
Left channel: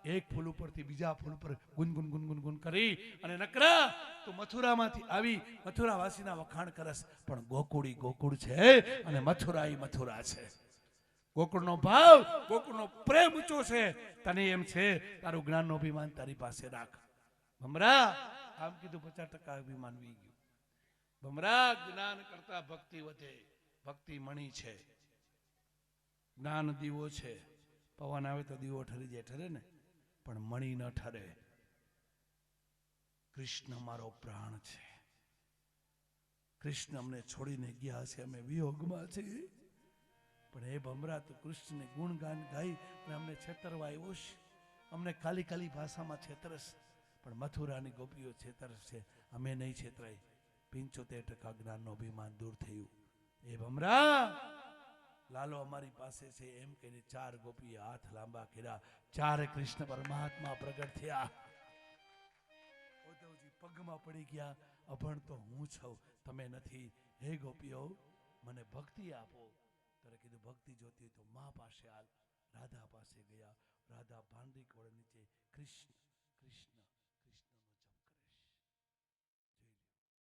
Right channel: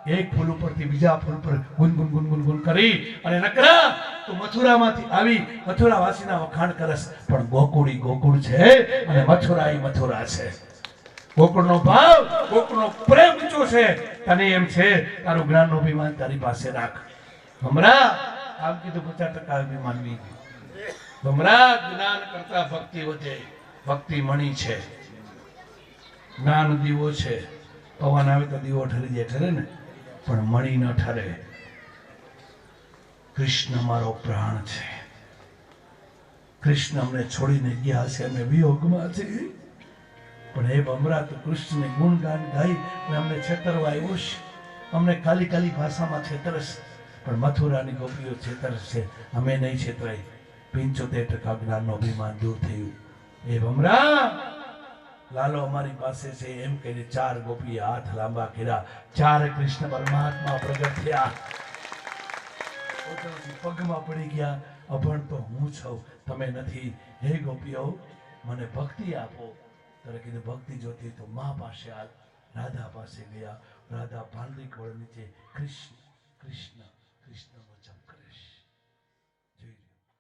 એક ફૂલ ઉપરથી બીજા ફૂલ પર ગુનગુન ગુનગુન ગુન કરી અને નકરા તું મથુરામાંથી આવી મથુરાવાસીના વખાણ કરસ, પણ ગોકુળી ગોકુળ છે અને મથુરા એ મથુરા છે. ગોકુળનો ભાવ, ગોકુળનો પ્રેમ ઊંચો છે. તને એમ છે તારું જ્ઞાનનું અભિમાન તારી પાસે રાખ. ભમરા, આમ કીધું 50% અભિમાન વી. ભમરા, જ્ઞાન કરતા ભક્તિ વધે. ભક્તિ મણી છે, જ્ઞાન દીવો છે. પવન આવે તો દીવો ઠરી જાય ખરે ને, પણ મણી ન ઠરે. કૃષ્ણ મારો પ્રાણ છે. કૃષ્ણ અમને છોડીને ગયા છે, અમે વિયોગમાં છીએ. પણ હે ભમરા તું કૃષ્ણને ગુણગાન ગાઈ અને અમને છેતરવા આવ્યો છે, અમને કાલી કાલી ભાષામાં છેતરશે, પણ મથુરાની ગોપીઓ છેતરશે, અમે નહીં છેતરાય. 75% જ્ઞાનનું અભિમાન દૂર થયું. એ ભમરા લાલો અમારી પાસે છે એમ કહીને 4 ગોપીએ હાથ લાંબા કર્યા. 4 કૃષ્ણ પરમાત્મા પ્રગટ થયા. પોતાના પગમાં પડી ગયા. અભણ તો હું છું, તમે નથી. હે ગોપીઓ મને ભક્તિ આપો. ત્યારે કીધું ભક્તિ જોતી તો મા પાસે હાલ. રાધા પાસે ગયા. રાધા પાંદડી કોળ નીચે કૃષ્ણ કૃષ્ણ કૃષ્ણ